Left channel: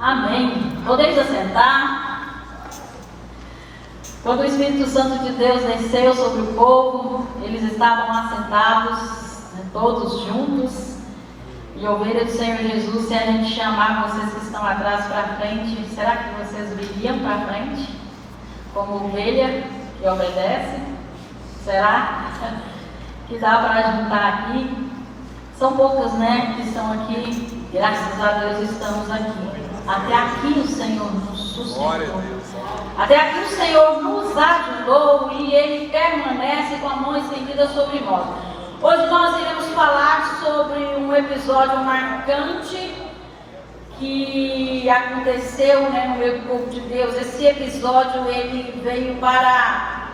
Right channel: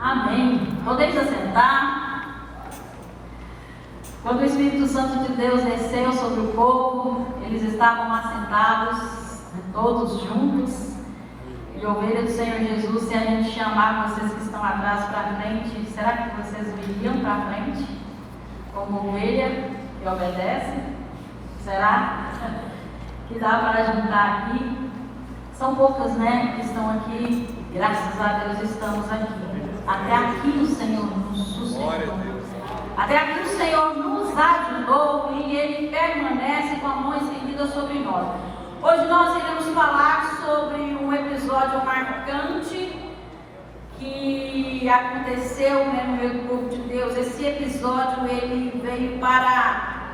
Amém. Podemos assentar. Quando o Espírito Santo de Deus desceu sobre o povo, eles estavam assentados, todos juntos. E ovelha do Senhor Jesus, se a gente chamar vocês que estão atrás para frente, será que vocês viriam para frente? Como ovelha que obedece? Será que dá para juntar aqui? São poucas, né, que estão aqui. Graças a Deus estamos aqui. Até aqui o Senhor nos sustentou. Até aqui o Senhor nos ajudou e Ele permanece com a mão estendida sobre nós. Hoje nós iremos falar sobre um episódio marcante que aconteceu, no meio do povo de Deus. Esse episódio ele veio para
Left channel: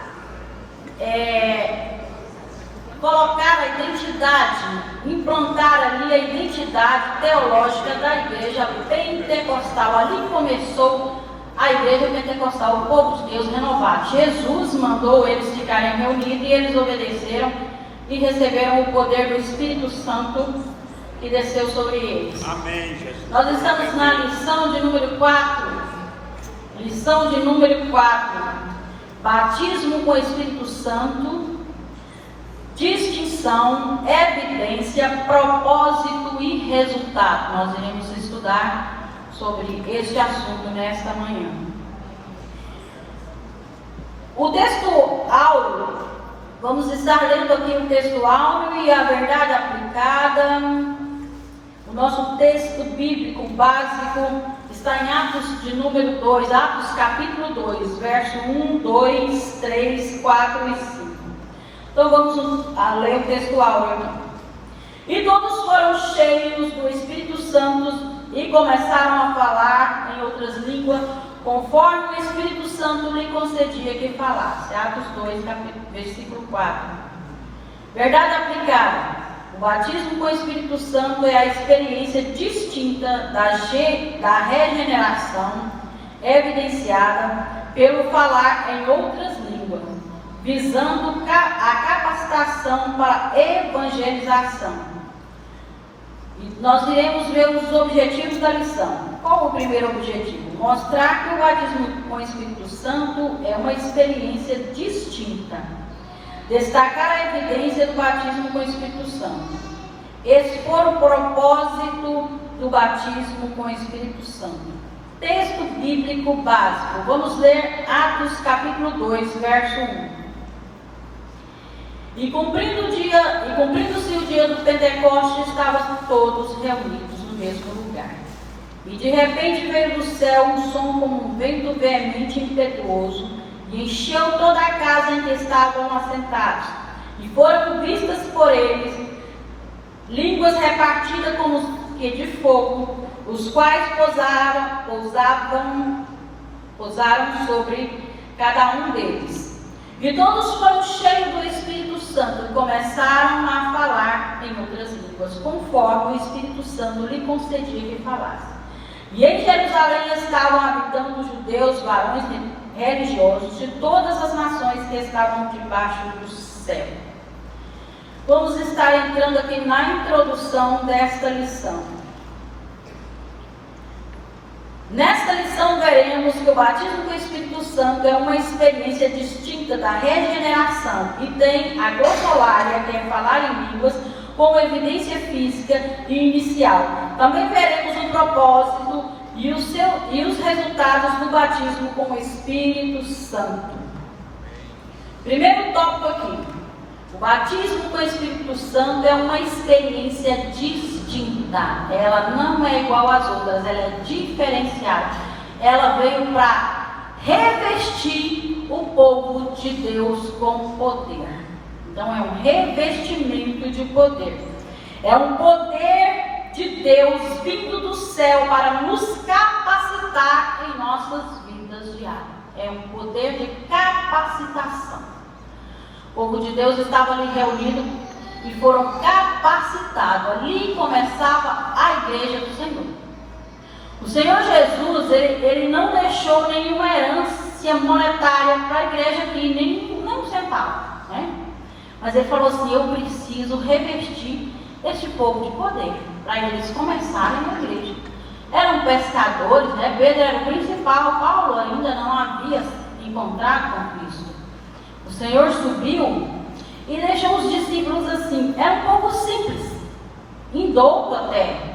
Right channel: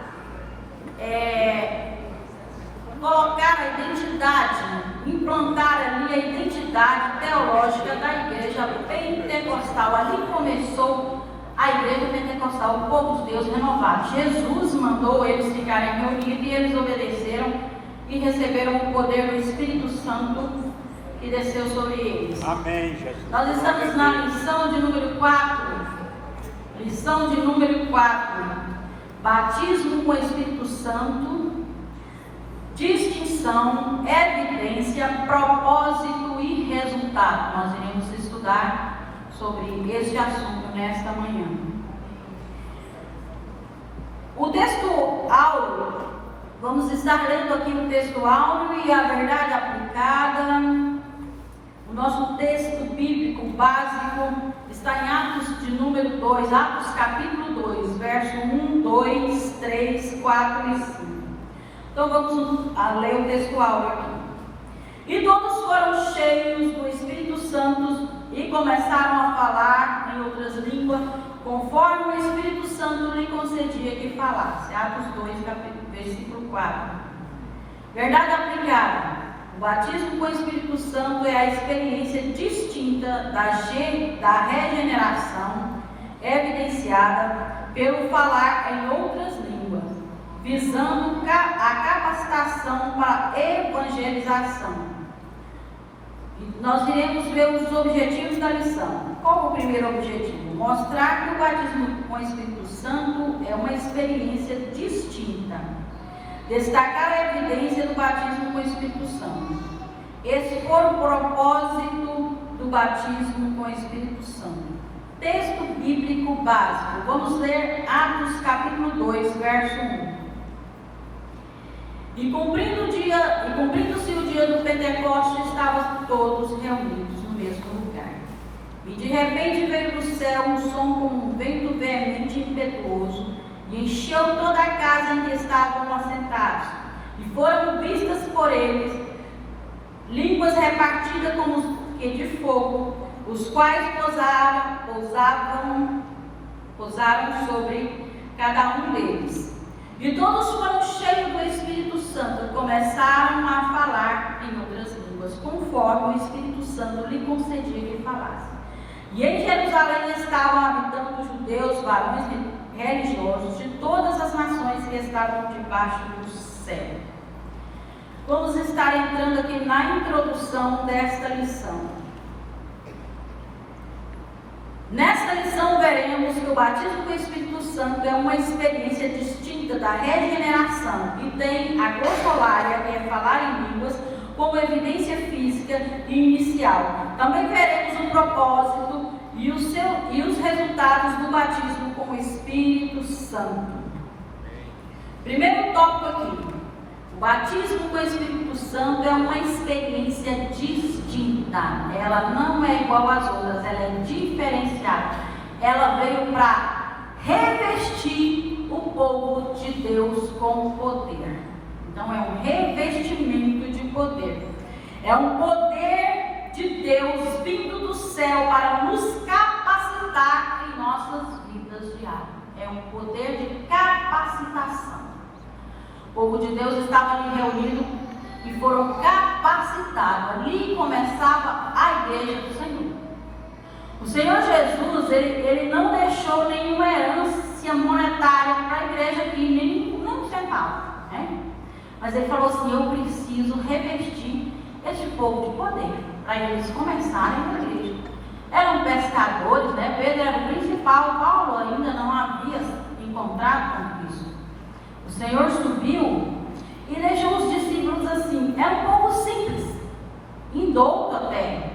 colocar a identidade, implantar ali a identidade teológica da igreja pentecostal. Ali começou a igreja pentecostal, o povo de Deus renovado. Jesus mandou eles ficarem reunidos e eles obedeceram e receberam o poder do Espírito Santo que desceu sobre eles. Amém, Jesus. Nós estamos na lição de número 4. Lição de número 4. Batismo com o Espírito Santo, distinção, evidência, propósito e resultado. Nós iremos estudar sobre este assunto nesta manhã. O texto áureo, vamos estar lendo aqui o texto áureo e a verdade aplicada. O nosso texto bíblico básico está em Atos de número 2, Atos capítulo 2, verso 1, 2, 3, 4 e 5. Então vamos ler o texto áureo aqui. E todos foram cheios do Espírito Santo e começaram a falar em outras línguas, conforme o Espírito Santo lhe concedia que falasse. Atos 2, versículo 4. Verdade aplicada. O batismo com o Espírito Santo é a experiência distinta da regeneração, evidenciada pelo falar em outras línguas, visando a capacitação para a evangelização. E nós iremos ver os objetivos da lição. Qual o primeiro objetivo? Mostrar que o batismo com o Espírito Santo é uma experiência distinta. Destacar a evidência do batismo com o Espírito Santo. Expor o propósito do batismo com o Espírito Santo. Texto bíblico básico. Vamos ler Atos capítulo 2, verso 1. E cumprindo-se o dia do Pentecostes, estavam todos reunidos no mesmo lugar. E de repente veio do céu um som como um vento veemente e impetuoso, e encheu toda a casa em que estavam assentados. E foram vistas por eles línguas repartidas como que de fogo, os quais pousaram sobre cada um deles. E todos foram cheios do Espírito Santo e começaram a falar em outras línguas, conforme o Espírito Santo lhe concedia que falasse. E em Jerusalém estavam habitando judeus, varões religiosos de todas as nações que estavam debaixo do céu. Vamos estar entrando aqui na introdução desta lição. Nesta lição veremos que o batismo com o Espírito Santo é uma experiência distinta da regeneração e tem a glossolalia, que é falar em línguas, como evidência física e inicial. Também veremos o propósito e os resultados do batismo com o Espírito Santo. Primeiro tópico aqui. O batismo com o Espírito Santo é uma experiência distinta. Ela não é igual às outras, ela é diferenciada. Ela veio para revestir o povo de Deus com poder. Então é um revestimento de poder. É um poder de Deus vindo do céu para nos capacitar em nossas vidas diárias. É um poder de capacitação. O povo de Deus estava ali reunido e foram capacitados. Ali começava a igreja do Senhor. O Senhor Jesus, ele não deixou nenhuma herança monetária para a igreja aqui, nem um centavo, né? Mas ele falou assim: eu preciso revestir este povo de poder, para eles começarem a igreja. Era um eram pescadores, né? Pedro era o principal, Paulo ainda não havia encontrado com Cristo. O Senhor subiu e deixou os discípulos assim. Era um povo simples, indouto até,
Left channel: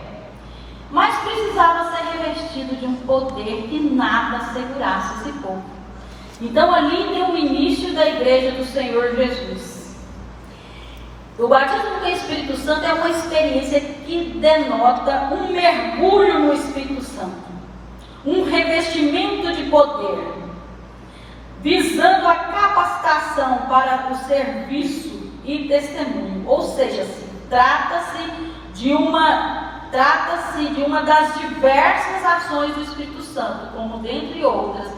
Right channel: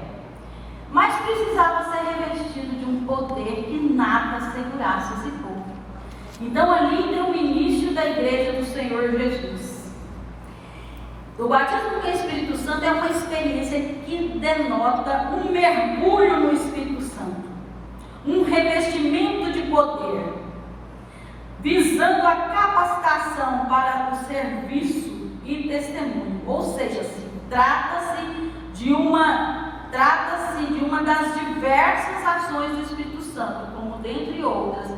mas precisava ser revestido de um poder que nada segurasse esse povo. Então ali tem o início da igreja do Senhor Jesus. O batismo com o Espírito Santo é uma experiência que denota um mergulho no Espírito Santo, um revestimento de poder, visando a capacitação para o serviço e testemunho. Ou seja, trata-se de uma das diversas ações do Espírito Santo, como dentre outras,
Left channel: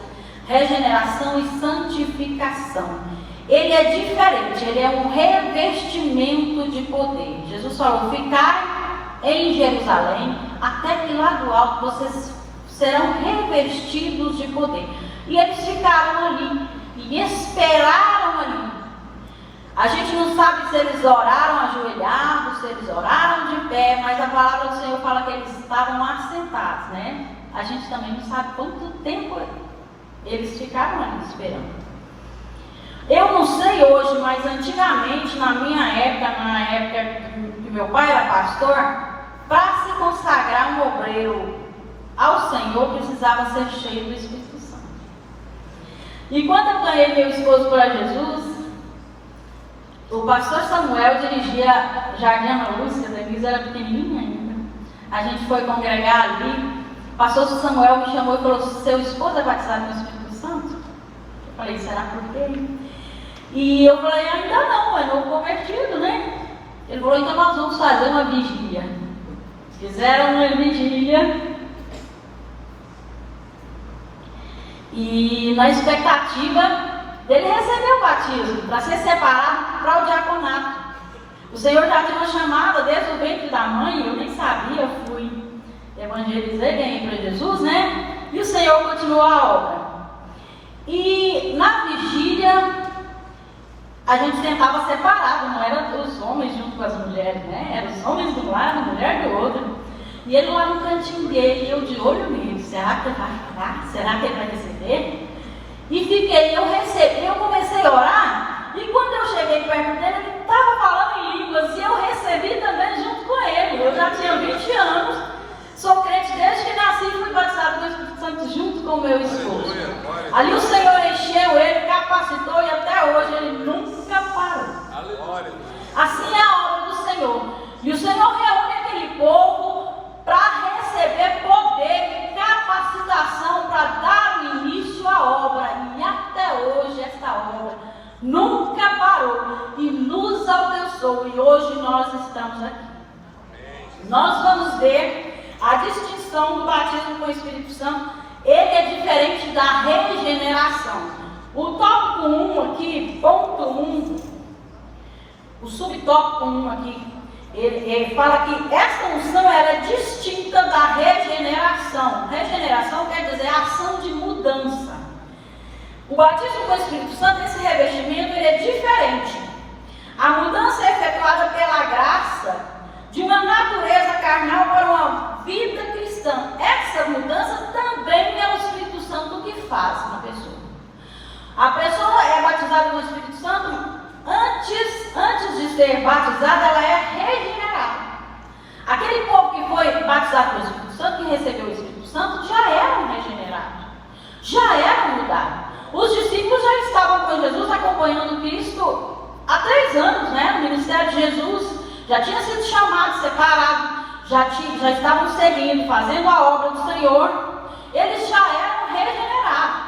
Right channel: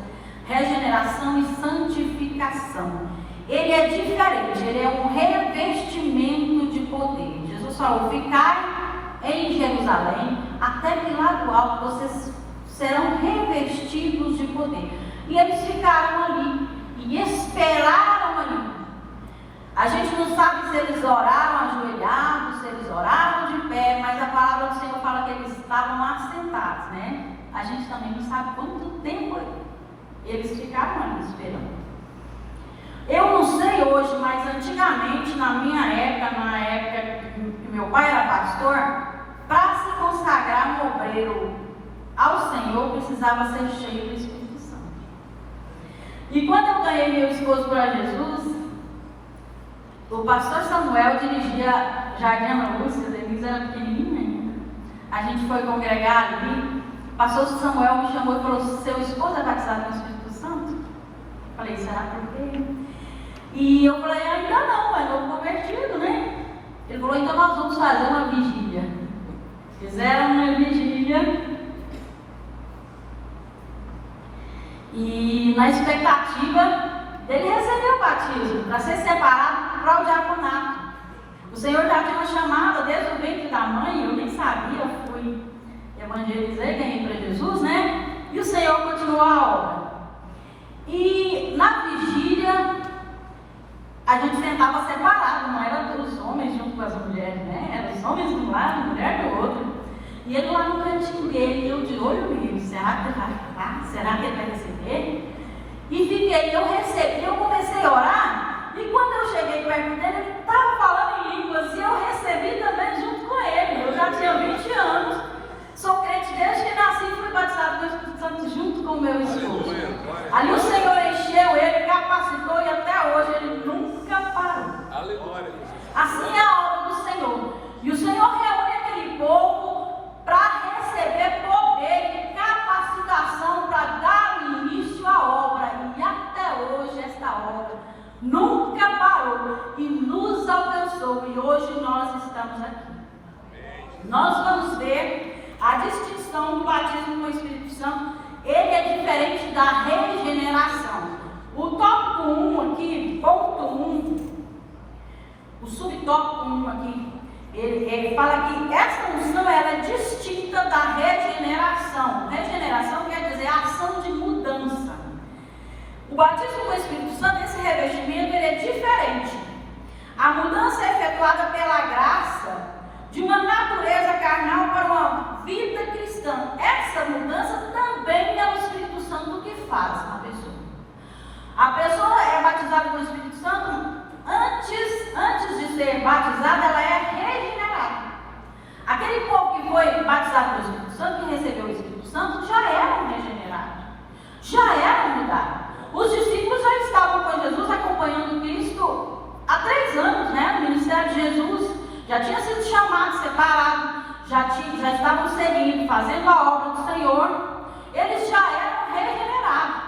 regeneração e santificação. Ele é diferente, ele é um revestimento de poder. Jesus falou: ficai em Jerusalém, até que lá do alto vocês serão revestidos de poder. E eles ficaram ali e esperaram ali. A gente não sabe se eles oraram ajoelhados, se eles oraram de pé, mas a palavra do Senhor fala que eles estavam assentados, né? A gente também não sabe quanto tempo eles ficaram ali esperando. Eu não sei hoje, mas antigamente, na minha época, na época que meu pai era pastor, para se consagrar um obreiro ao Senhor, precisava ser cheio do Espírito Santo. E quando eu ganhei meu esposo para Jesus, o pastor Samuel dirigia Jardim Ana Lúcia, a Denise era pequenininha ainda. A gente foi congregar ali. O pastor Samuel me chamou e falou: seu esposo é batizado com o Espírito Santo? Eu falei: será por quê? E eu falei: ainda não, mas eu convertido, né? Ele falou: então nós vamos fazer uma vigília. Fizeram uma vigília. E na expectativa dele receber o batismo, para ser separado para o diaconato. O Senhor já tinha uma chamada desde o ventre da mãe, eu nem sabia, eu fui evangelizar, ganhei para Jesus, né? E o Senhor continuou a obra. E na vigília, a gente sentava separado, não era os homens junto com as mulheres, né? Eram os homens de um lado, a mulher do outro. E ele lá no cantinho dele, eu de olho nele: será que ele vai ficar? Será que ele vai receber? E fiquei, eu recebi, eu comecei a orar, e quando eu cheguei perto dele, ele estava falando em línguas, e eu recebi também junto com ele. Eu já tinha 20 anos, sou crente desde que nasci, e fui batizado com o Espírito Santo junto com o meu esposo. Ali o Senhor encheu ele, capacitou, e até hoje ele nunca parou. Assim é a obra do Senhor. E o Senhor reúne aquele povo para receber poder e capacitação para dar início à obra. E até hoje esta obra nunca parou e nos alcançou. E hoje nós estamos aqui. Nós vamos ver a distinção do batismo com o Espírito Santo. Ele é diferente da regeneração. O tópico 1 aqui, ponto 1, o subtópico 1 aqui, ele fala que essa unção era distinta da regeneração. Regeneração quer dizer ação de mudança. O batismo com o Espírito Santo, esse revestimento, ele é diferente. A mudança é efetuada pela graça de uma natureza carnal para uma vida cristã. Essa mudança também é o Espírito Santo que faz na pessoa. A pessoa é batizada com o Espírito Santo. Antes de ser batizada, ela é regenerada. Aquele povo que foi batizado pelo Espírito Santo, que recebeu o Espírito Santo, já eram regenerados, já eram mudados. Os discípulos já estavam com Jesus, acompanhando Cristo há 3 anos, né? O ministério de Jesus já tinha sido chamado, separado, já estavam seguindo, fazendo a obra do Senhor. Eles já eram regenerados.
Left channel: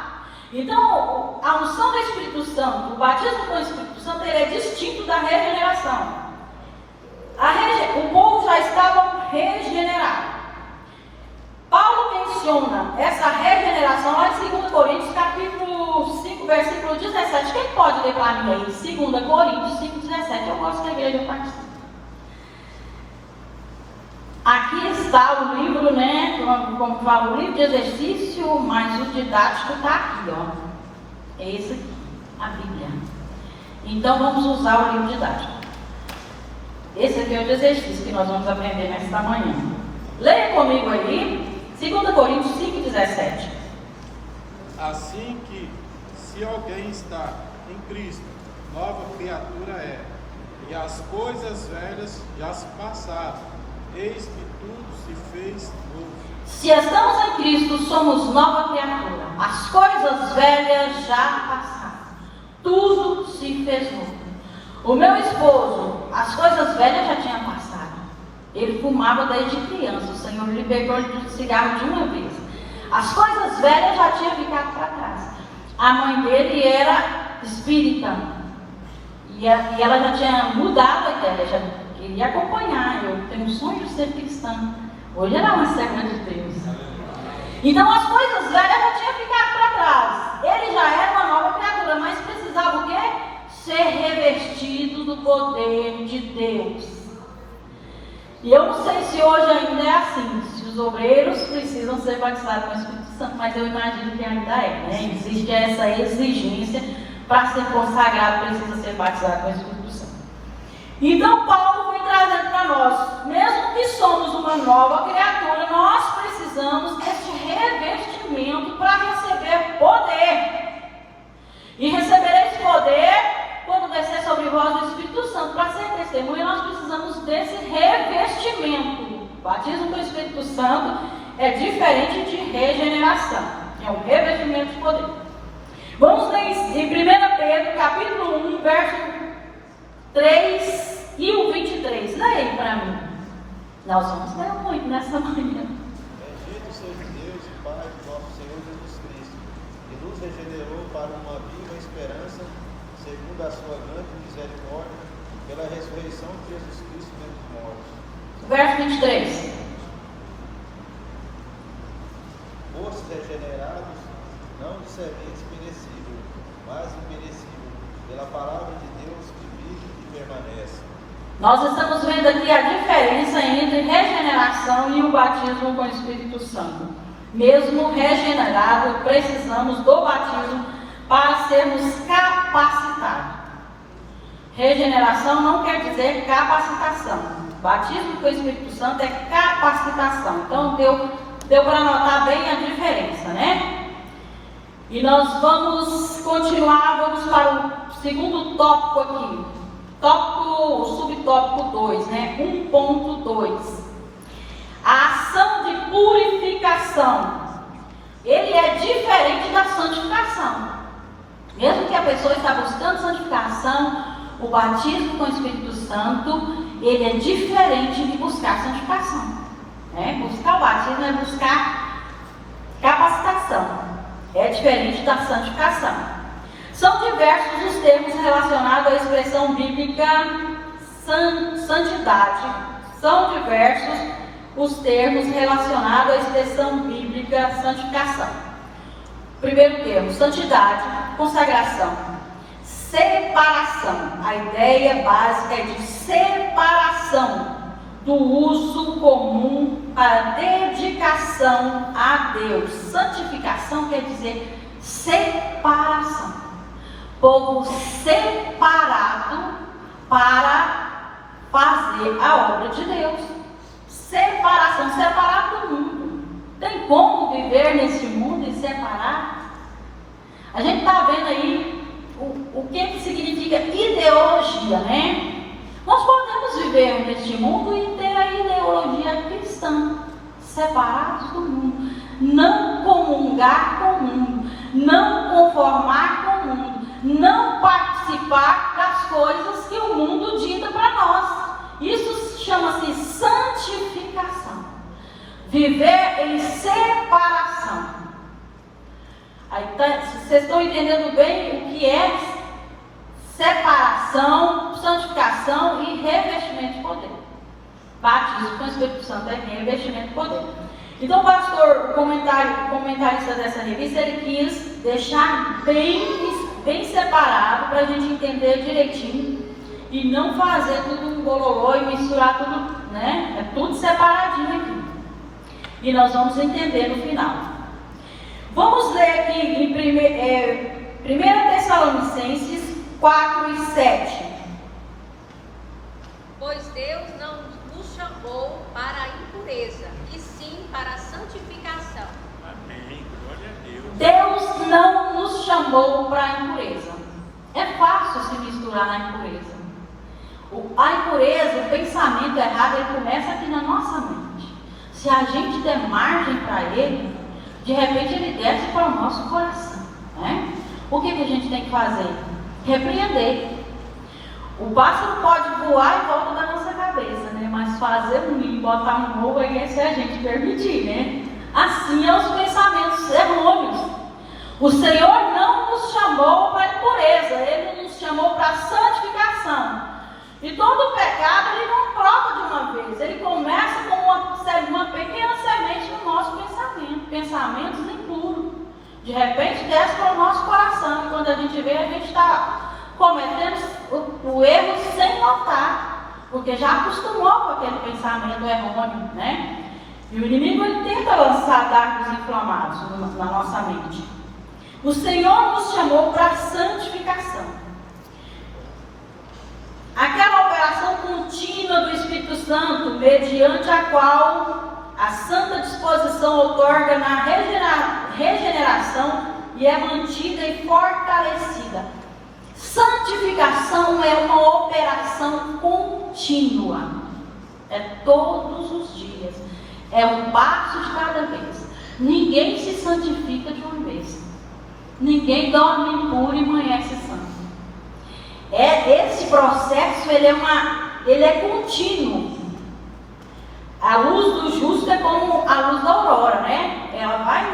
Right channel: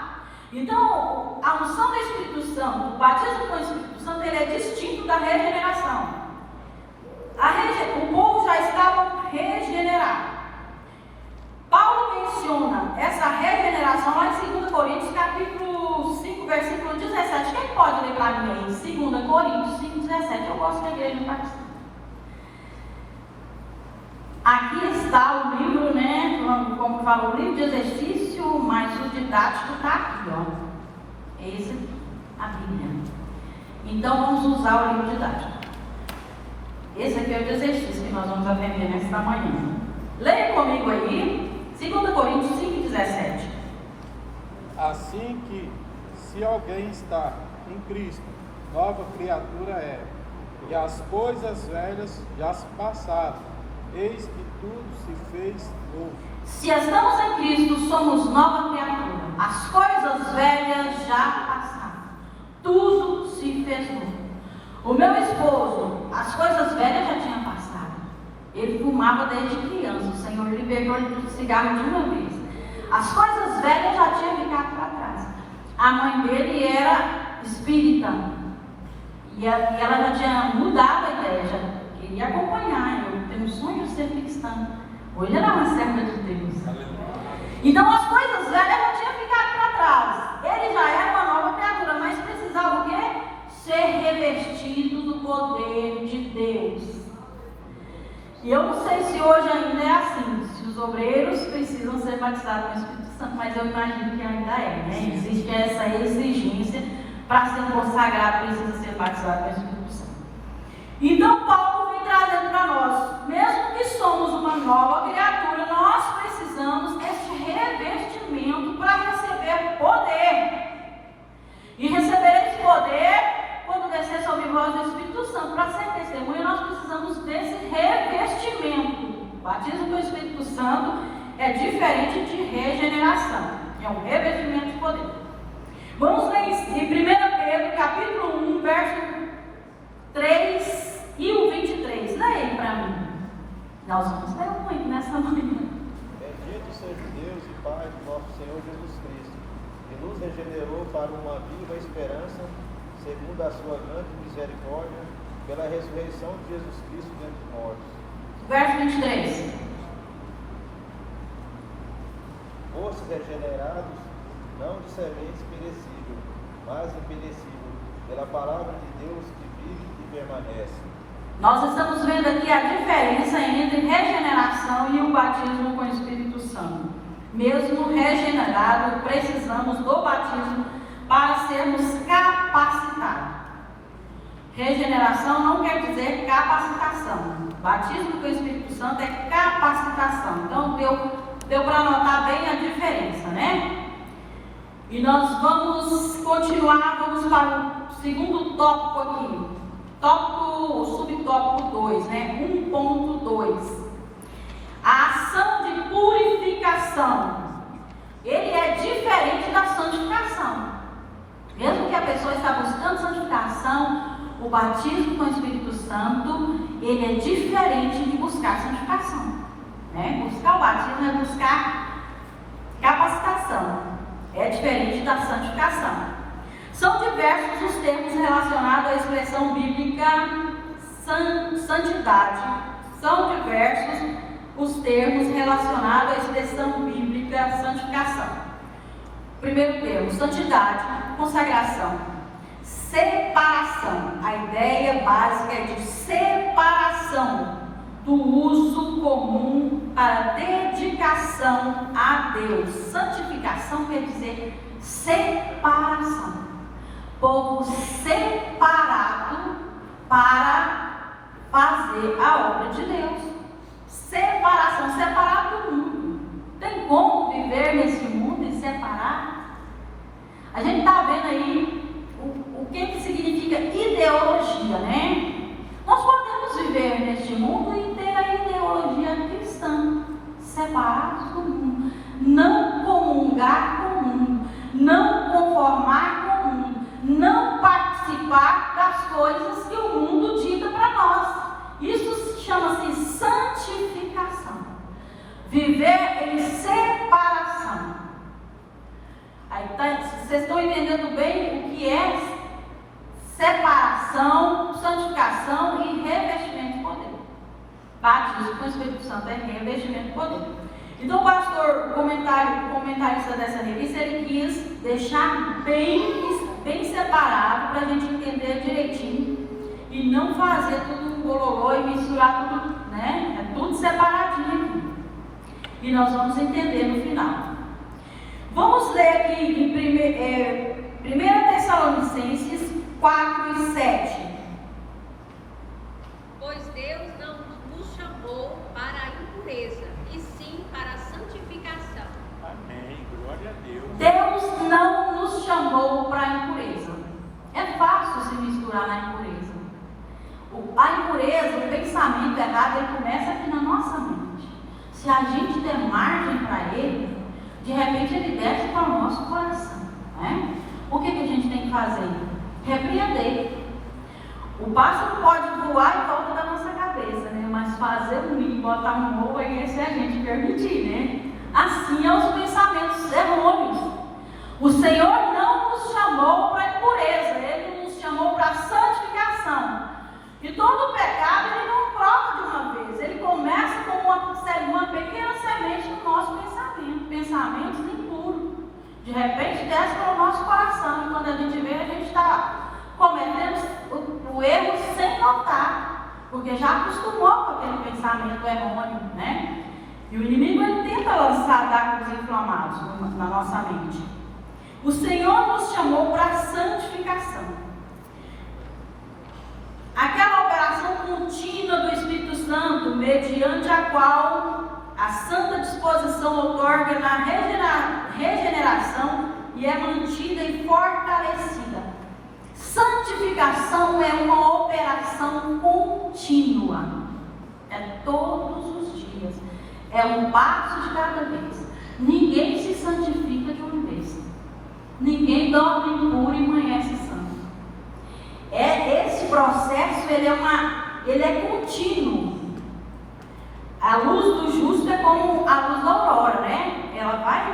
Então, a unção do Espírito Santo, o batismo com o Espírito Santo, ele é distinto da regeneração. O povo já estava regenerado. Paulo menciona essa regeneração lá em 2 Coríntios, capítulo 5, versículo 17. Quem pode ler para mim aí? 2 Coríntios 5, 17. Eu gosto da igreja batista. Aqui está o livro, né? Como fala, o livro de exercício, mas o didático está aqui, ó. Esse aqui, a Bíblia. Então vamos usar o livro didático. Esse aqui é o de exercício que nós vamos aprender nesta manhã. Leia comigo aí, 2 Se alguém está em Cristo, nova criatura é, e as coisas velhas já se passaram, eis que tudo se fez novo. Se estamos em Cristo, somos nova criatura. As coisas velhas já passaram. Tudo se fez novo. O meu esposo, as coisas velhas já tinham passado. Ele fumava desde criança. O Senhor libertou ele do cigarro de uma vez. As coisas velhas já tinham ficado para trás. A mãe dele era espírita. E ela já tinha mudado a ideia, já queria acompanhar. Eu tenho um sonho de ser cristã. Hoje era uma serva de Deus. Então as coisas velhas já tinham ficado para trás. Ele já era uma nova criatura, mas precisava o quê? Ser revestido do poder de Deus. E eu não sei se hoje ainda é assim, se os obreiros precisam ser batizados com o Espírito Santo, mas eu imagino que ainda é, né? Existe essa exigência para ser consagrado, precisa ser batizado com o Espírito Santo. Então Paulo vem trazendo para nós, mesmo que somos uma nova criatura, nós precisamos deste revestimento para receber poder. E receber esse poder quando descer sobre vós o Espírito Santo. Para ser testemunha, nós precisamos desse revestimento. O batismo com o Espírito Santo é diferente de regeneração. É um revestimento de poder. Vamos ler em 1 Pedro, capítulo 1, verso 3 e o 23. Lê aí para mim. Nós vamos ler muito nessa manhã. Bendito seja Deus e Pai do nosso Senhor Jesus Cristo, que nos regenerou para uma viva esperança, segundo a sua grande misericórdia, pela ressurreição de Jesus Cristo dentre os mortos. Verso 23. Vós regenerados, não sereis perecível, mas imperecível, pela palavra de Deus que vive e permanece. Nós estamos vendo aqui a diferença entre regeneração e o batismo com o Espírito Santo. Mesmo regenerado, precisamos do batismo para sermos capacitados. Regeneração não quer dizer capacitação. Batismo com o Espírito Santo é capacitação. Então deu para notar bem a diferença, né? E nós vamos continuar, vamos para o segundo tópico aqui. O subtópico 2, né? 1.2. A ação de purificação. Ele é diferente da santificação. Mesmo que a pessoa está buscando santificação, o batismo com o Espírito Santo, ele é diferente de buscar santificação. Né? Buscar o batismo é buscar capacitação. É diferente da santificação. São diversos os termos relacionados à expressão bíblica santidade. São diversos os termos relacionados à expressão bíblica santificação. Primeiro termo, santidade, consagração, separação. A ideia básica é de separação do uso comum para dedicação a Deus. Santificação quer dizer separação. Povo separado para fazer a obra de Deus. Separação, separado do mundo. Tem como viver nesse mundo e separar? A gente está vendo aí o que significa ideologia, né? Nós podemos viver neste mundo e ter a ideologia cristã, separados do mundo, não comungar com o mundo, não conformar com o mundo, não participar das coisas que o mundo dita para nós. Isso chama-se santificação. Viver em separação. Aí, vocês estão entendendo bem o que é separação, santificação e revestimento de poder. Batismo com o Espírito Santo é revestimento de poder. Então, o pastor, comentarista dessa revista, ele quis deixar bem separado para a gente entender direitinho e não fazer tudo um bololô e misturar tudo, né? É tudo separadinho aqui. E nós vamos entender no final. Vamos ler aqui em 1 Tessalonicenses 4 e 7. Pois Deus não nos chamou para a impureza, e sim para a santificação. Amém. Glória a Deus. Deus não nos chamou chamou para a impureza. É fácil se misturar na impureza. A impureza, o pensamento errado, ele começa aqui na nossa mente. Se a gente der margem para ele, de repente ele desce para o nosso coração, né? O que a gente tem que fazer? Repreender. O pássaro pode voar em volta da nossa cabeça, né? Mas fazer um ninho e botar um ovo aí é se a gente permitir, né? Assim é os pensamentos errôneos. O Senhor não nos chamou para a impureza, Ele nos chamou para a santificação. E todo pecado, ele não brota de uma vez, ele começa como uma pequena semente no nosso pensamento, pensamentos impuros. De repente desce para o nosso coração, e quando a gente vê, a gente está cometendo o erro sem notar, porque já acostumou com aquele pensamento errôneo, né? E o inimigo, ele tenta lançar dardos inflamados na nossa mente. O Senhor nos chamou para a santificação. Aquela operação contínua do Espírito Santo, mediante a qual a santa disposição outorga na regeneração e é mantida e fortalecida. Santificação é uma operação contínua. É todos os dias. É um passo de cada vez. Ninguém se santifica de uma vez. Ninguém dorme impuro e amanhece santo. Esse processo, ele é contínuo. A luz do justo é como a luz da aurora, né? Ela vai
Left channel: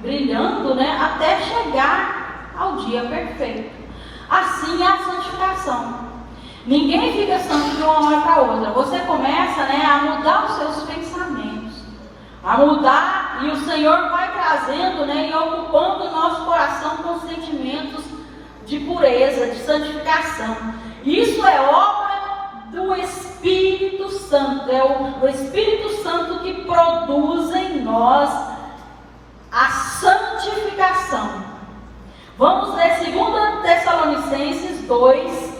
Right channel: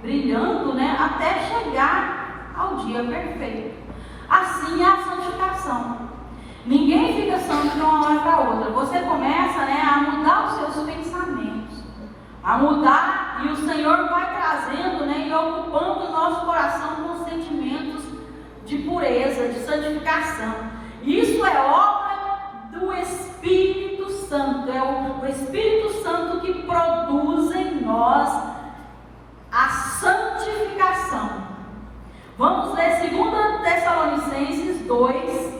brilhando, né, até chegar ao dia perfeito. Assim é a santificação. Ninguém fica santo de uma hora para outra. Você começa, né, a mudar os seus pensamentos, a mudar, e o Senhor vai trazendo, né, e ocupando o nosso coração com sentimentos de pureza, de santificação. Isso é obra do Espírito Santo. É o Espírito Santo que produz em nós a santificação. Vamos ler 2 Tessalonicenses 2,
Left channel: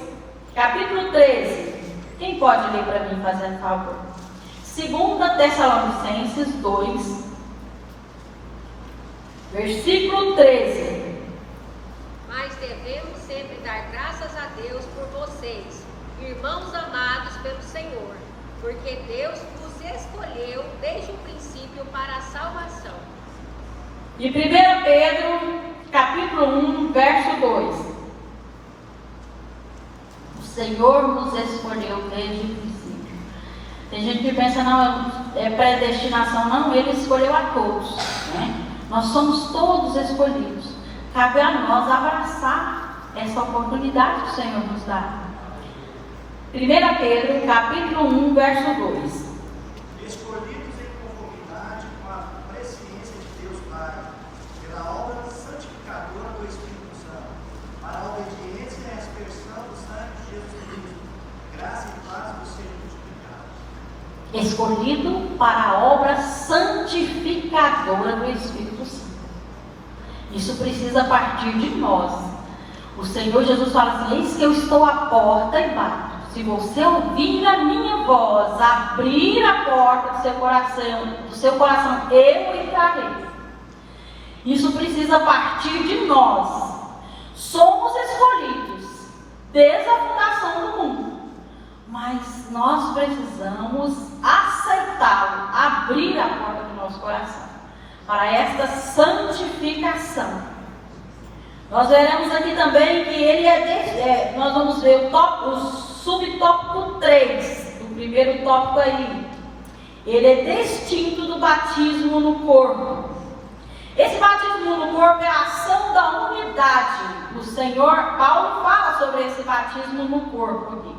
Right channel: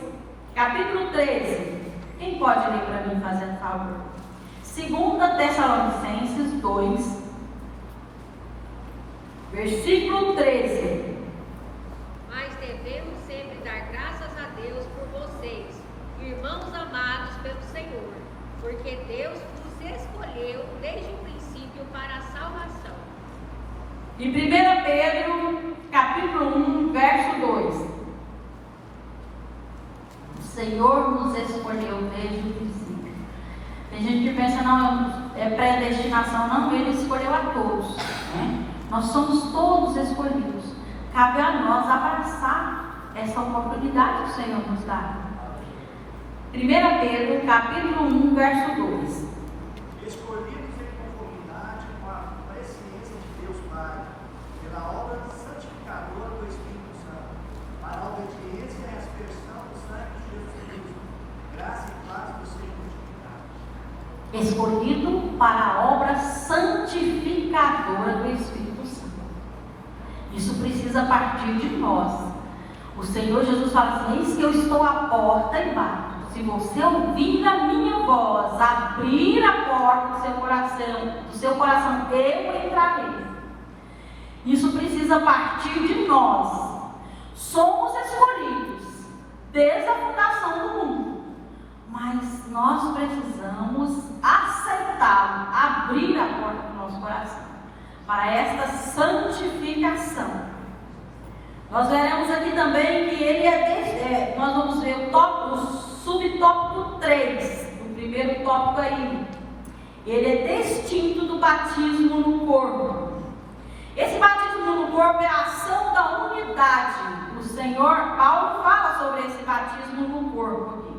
capítulo 13. Quem pode ler para mim, fazendo favor? 2 Tessalonicenses 2, versículo 13. Mas devemos sempre dar graças a Deus por vocês, irmãos amados pelo Senhor, porque Deus vos escolheu desde o princípio para a salvação. E 1 Pedro, capítulo 1, verso 2. O Senhor nos escolheu desde o princípio. Tem gente que pensa, não, é predestinação. Não, Ele escolheu a todos, né? Nós somos todos escolhidos. Cabe a nós abraçar essa oportunidade que o Senhor nos dá. 1 Pedro, capítulo 1, verso 2. Escolhidos em conformidade com a presciência de Deus Pai, pela obra santificadora do Espírito Santo, para a obediência e a aspersão do sangue de Jesus Cristo, graça e paz vos sejam multiplicados. Escolhido para a obra santificadora do Espírito Santo. Isso precisa partir de nós. O Senhor Jesus fala assim: eis que eu estou à porta e bato. Se você ouvir a minha voz, abrir a porta do seu coração, eu entrarei. Isso precisa partir de nós. Somos escolhidos desde a fundação do mundo, mas nós precisamos aceitá-lo, abrir a porta do nosso coração para esta santificação. Nós veremos aqui também que ele nós vamos ver o subtópico 3, do primeiro tópico aí. Ele é distinto do batismo no corpo. Esse batismo no corpo é a ação da unidade. O Senhor Paulo fala sobre esse batismo no corpo aqui.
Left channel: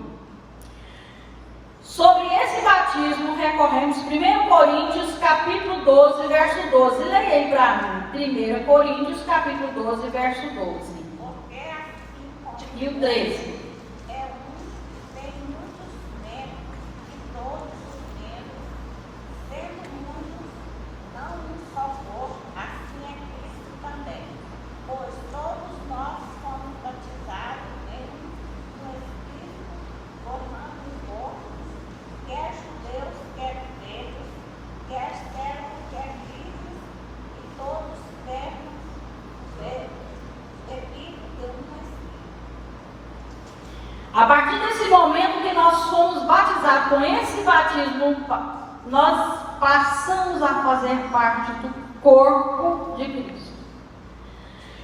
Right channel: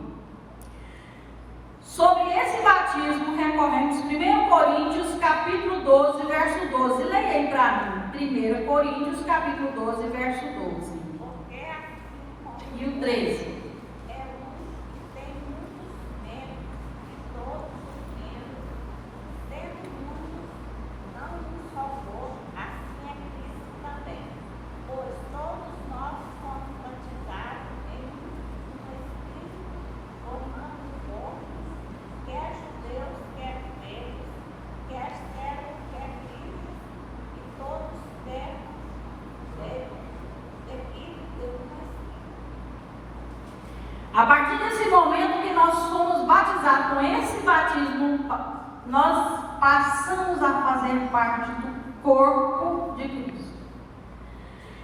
Sobre esse batismo recorremos 1 Coríntios capítulo 12, verso 12. Leia aí para mim. 1 Coríntios capítulo 12, verso 12. Porque assim como E o 13. é um e tem muitos membros, e todos os membros, sendo muitos, não um só corpo, assim é Cristo também. Pois todos nós fomos batizados em um Espírito, formando um corpo, quer judeus, quer gregos, quer servos, quer livres, e todos temos A partir desse momento que nós fomos batizados, com esse batismo, nós passamos a fazer parte do corpo de Cristo.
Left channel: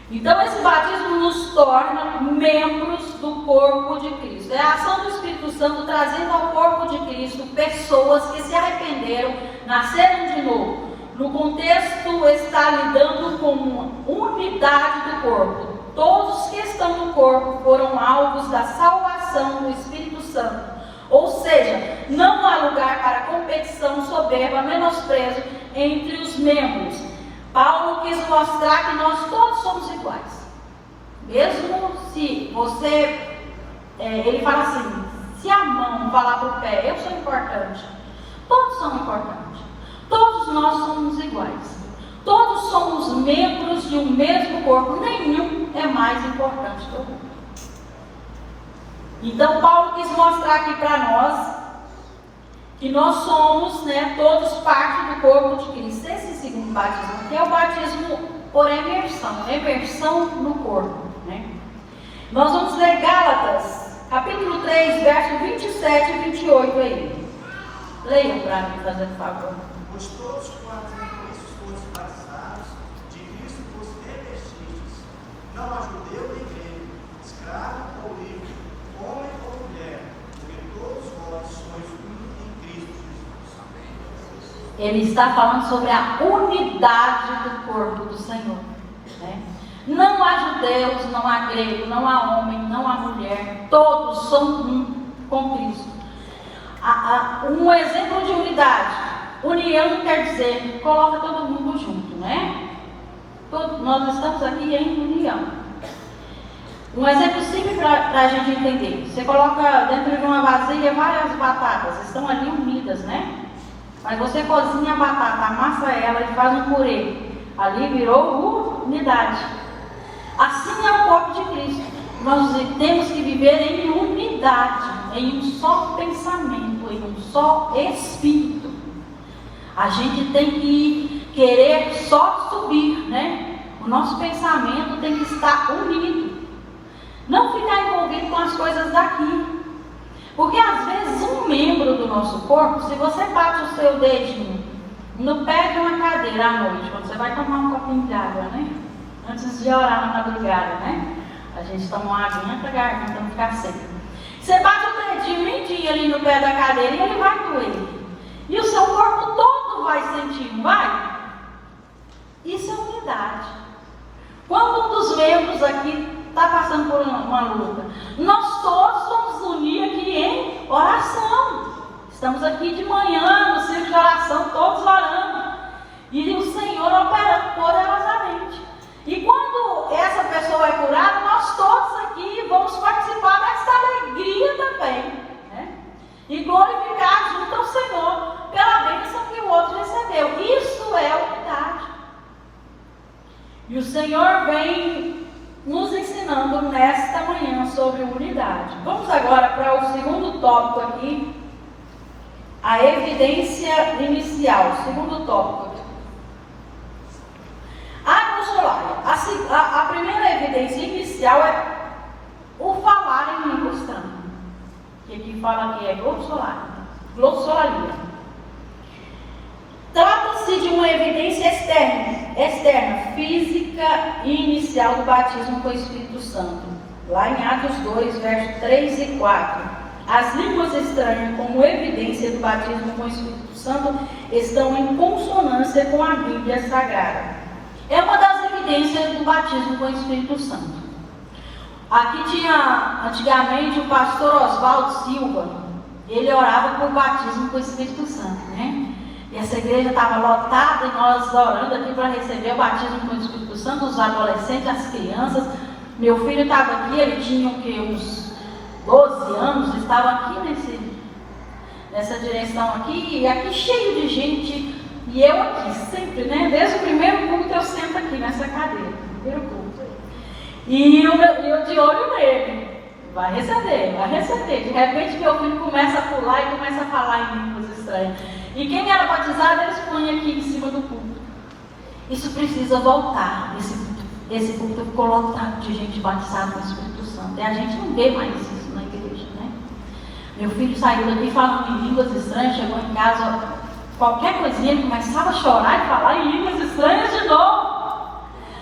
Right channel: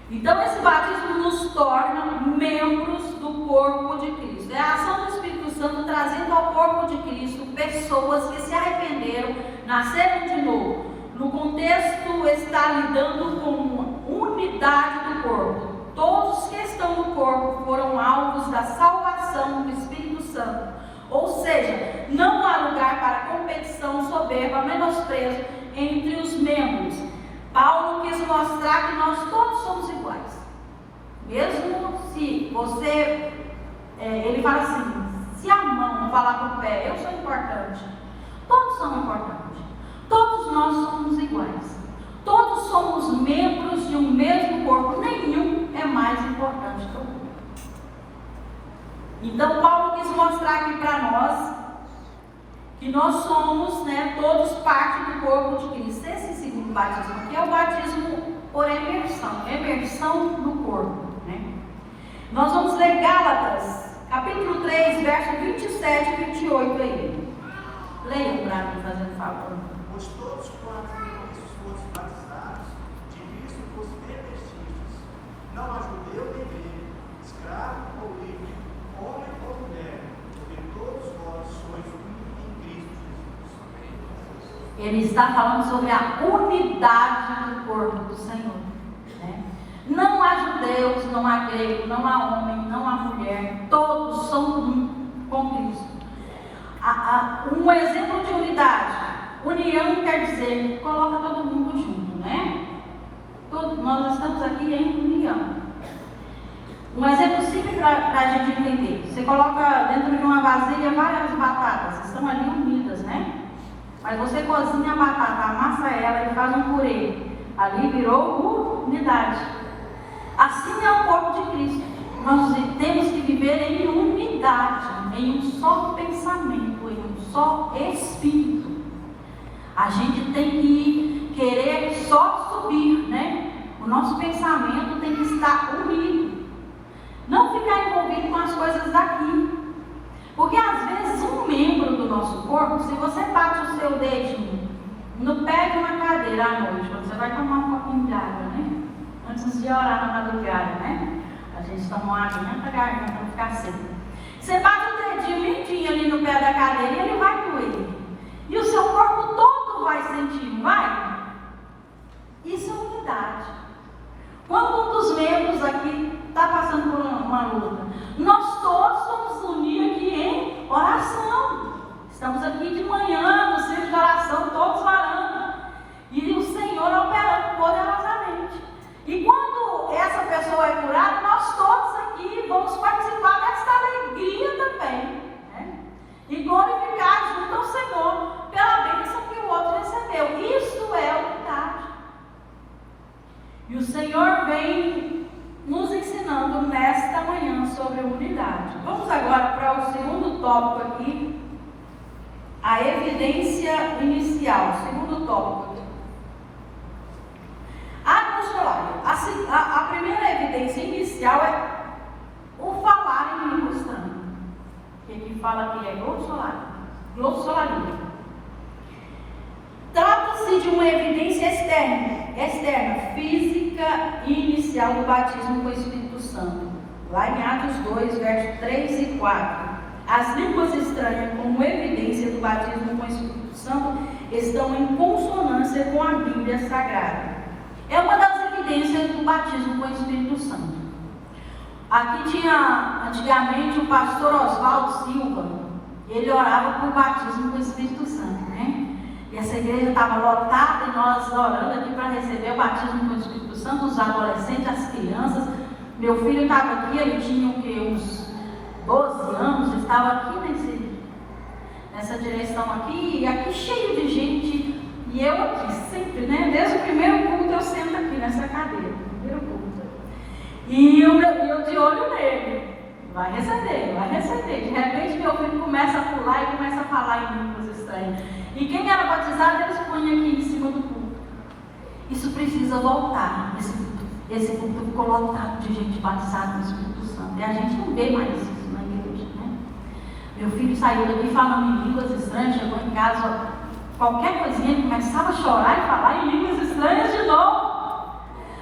Então esse batismo nos torna membros do corpo de Cristo. É a ação do Espírito Santo trazendo ao corpo de Cristo pessoas que se arrependeram, nasceram de novo. No contexto está lidando com uma unidade do corpo. Todos que estão no corpo foram alvos da salvação do Espírito Santo. Ou seja, não há lugar para competição, soberba, menosprezo entre os membros. Paulo quis mostrar que nós todos somos iguais. Mesmo se você, ele fala assim, se a mão falar para o pé, eu sou importante. Todos são importantes. Todos nós somos iguais. Todos somos membros de um mesmo corpo. Nenhum é mais importante que o outro. Então Paulo quis mostrar aqui para nós que nós somos, todos parte do corpo de Cristo. Esse segundo batismo, que é o batismo por emersão no corpo. Nós vamos ler Gálatas, capítulo 3, verso 27 e 28 aí. Leiam para mim, fazendo favor. Pois todos quantos em Cristo foram batizados, de Cristo vos revestistes, não há judeu nem grego, escravo ou livre, homem ou mulher, porque todos vós sois um em Cristo Jesus. Ele está falando sobre a unidade do corpo do Senhor. Não há judeus, não há grego, não há homem, não há mulher, todos são um com Cristo. Um exemplo de unidade. União quer dizer, coloca todo mundo junto, nós estamos aqui em união. Um exemplo simples para a gente entender. Você coloca dentro de uma vasilha várias batatas, estão ali unidas, Mas você cozinha a batata, amassa ela e faz um purê. Ali virou unidade. Assim é o corpo de Cristo. Nós temos que viver em unidade, em um só pensamento, em um só espírito. A gente tem que querer só subir, O nosso pensamento tem que estar unido. Não ficar envolvido com as coisas daqui. Porque às vezes um membro do nosso corpo, se você bate o seu dedinho no pé de uma cadeira à noite, quando você vai tomar um copinho de água, Antes de orar na madrugada, A gente toma uma aguinha para a garganta não ficar seca. Você bate o dedinho lindinho ali no pé da cadeira e ele vai doer. E o seu corpo todo vai sentir, não vai? Isso é unidade. Quando um dos membros aqui está passando por uma luta, nós todos vamos unir aqui em oração. Estamos aqui de manhã, no círculo de oração, todos orando. E o Senhor operando poderosamente. E quando essa pessoa é curada, nós todos aqui vamos participar dessa alegria também. E glorificar junto ao Senhor pela bênção que o outro recebeu. Isso é unidade. E o Senhor vem nos ensinando nesta manhã sobre unidade. Vamos agora para o segundo tópico aqui. A evidência inicial. Segundo tópico aqui. A glossolália. A primeira evidência inicial é o falar em língua estranha. Que aqui fala que é glossolalia. Trata-se de uma evidência externa, física e inicial do batismo com o Espírito Santo. Lá em Atos 2, versos 3 e 4. As línguas estranhas, como evidência do batismo com o Espírito Santo, estão em consonância com a Bíblia Sagrada. É uma das evidências do batismo com o Espírito Santo. Aqui tinha, antigamente, o pastor Oswaldo Silva. Ele orava por batismo com o Espírito Santo, E essa igreja estava lotada e nós orando aqui para receber o batismo com o Espírito Santo, os adolescentes, as crianças. Meu filho estava aqui, ele tinha uns 12 anos, estava aqui nessa direção aqui, e aqui cheio de gente, e eu aqui sempre, desde o primeiro culto eu sento aqui nessa cadeira, primeiro culto. E eu de olho nele, vai receber. De repente meu filho começa a pular e começa a falar em línguas estranhas. E quem era batizado, eles põem aqui em cima do culto. Isso precisa voltar. Esse culto ficou lotado de gente batizada no Espírito Santo. E a gente não vê mais isso na igreja. Meu filho saiu daqui falando em línguas estranhas, chegou em casa, qualquer coisinha, começava a chorar e falar em línguas estranhas de novo.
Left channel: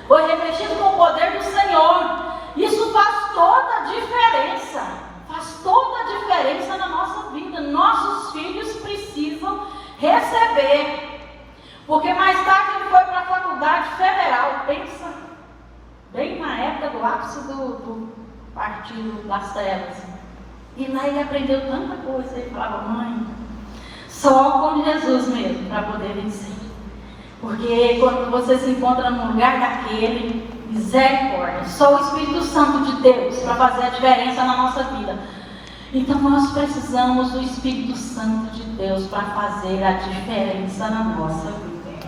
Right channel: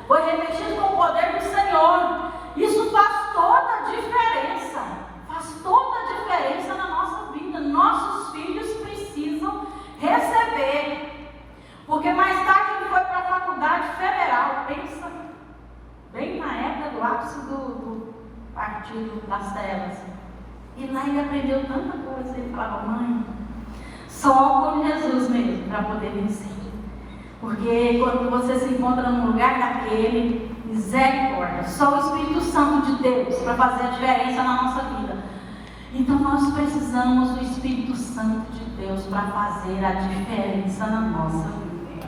Foi revestido com o poder do Senhor. Isso faz toda a diferença. Faz toda a diferença na nossa vida. Nossos filhos precisam receber. Porque mais tarde ele foi para a faculdade federal. Pensa, bem na época do ápice do Partido das Trevas. E lá ele aprendeu tanta coisa. Ele falava, mãe, só com Jesus mesmo para poder vencer. Porque quando você se encontra num lugar daquele, misericórdia, só o Espírito Santo de Deus para fazer a diferença na nossa vida. Então nós precisamos do Espírito Santo de Deus para fazer a diferença na nossa vida.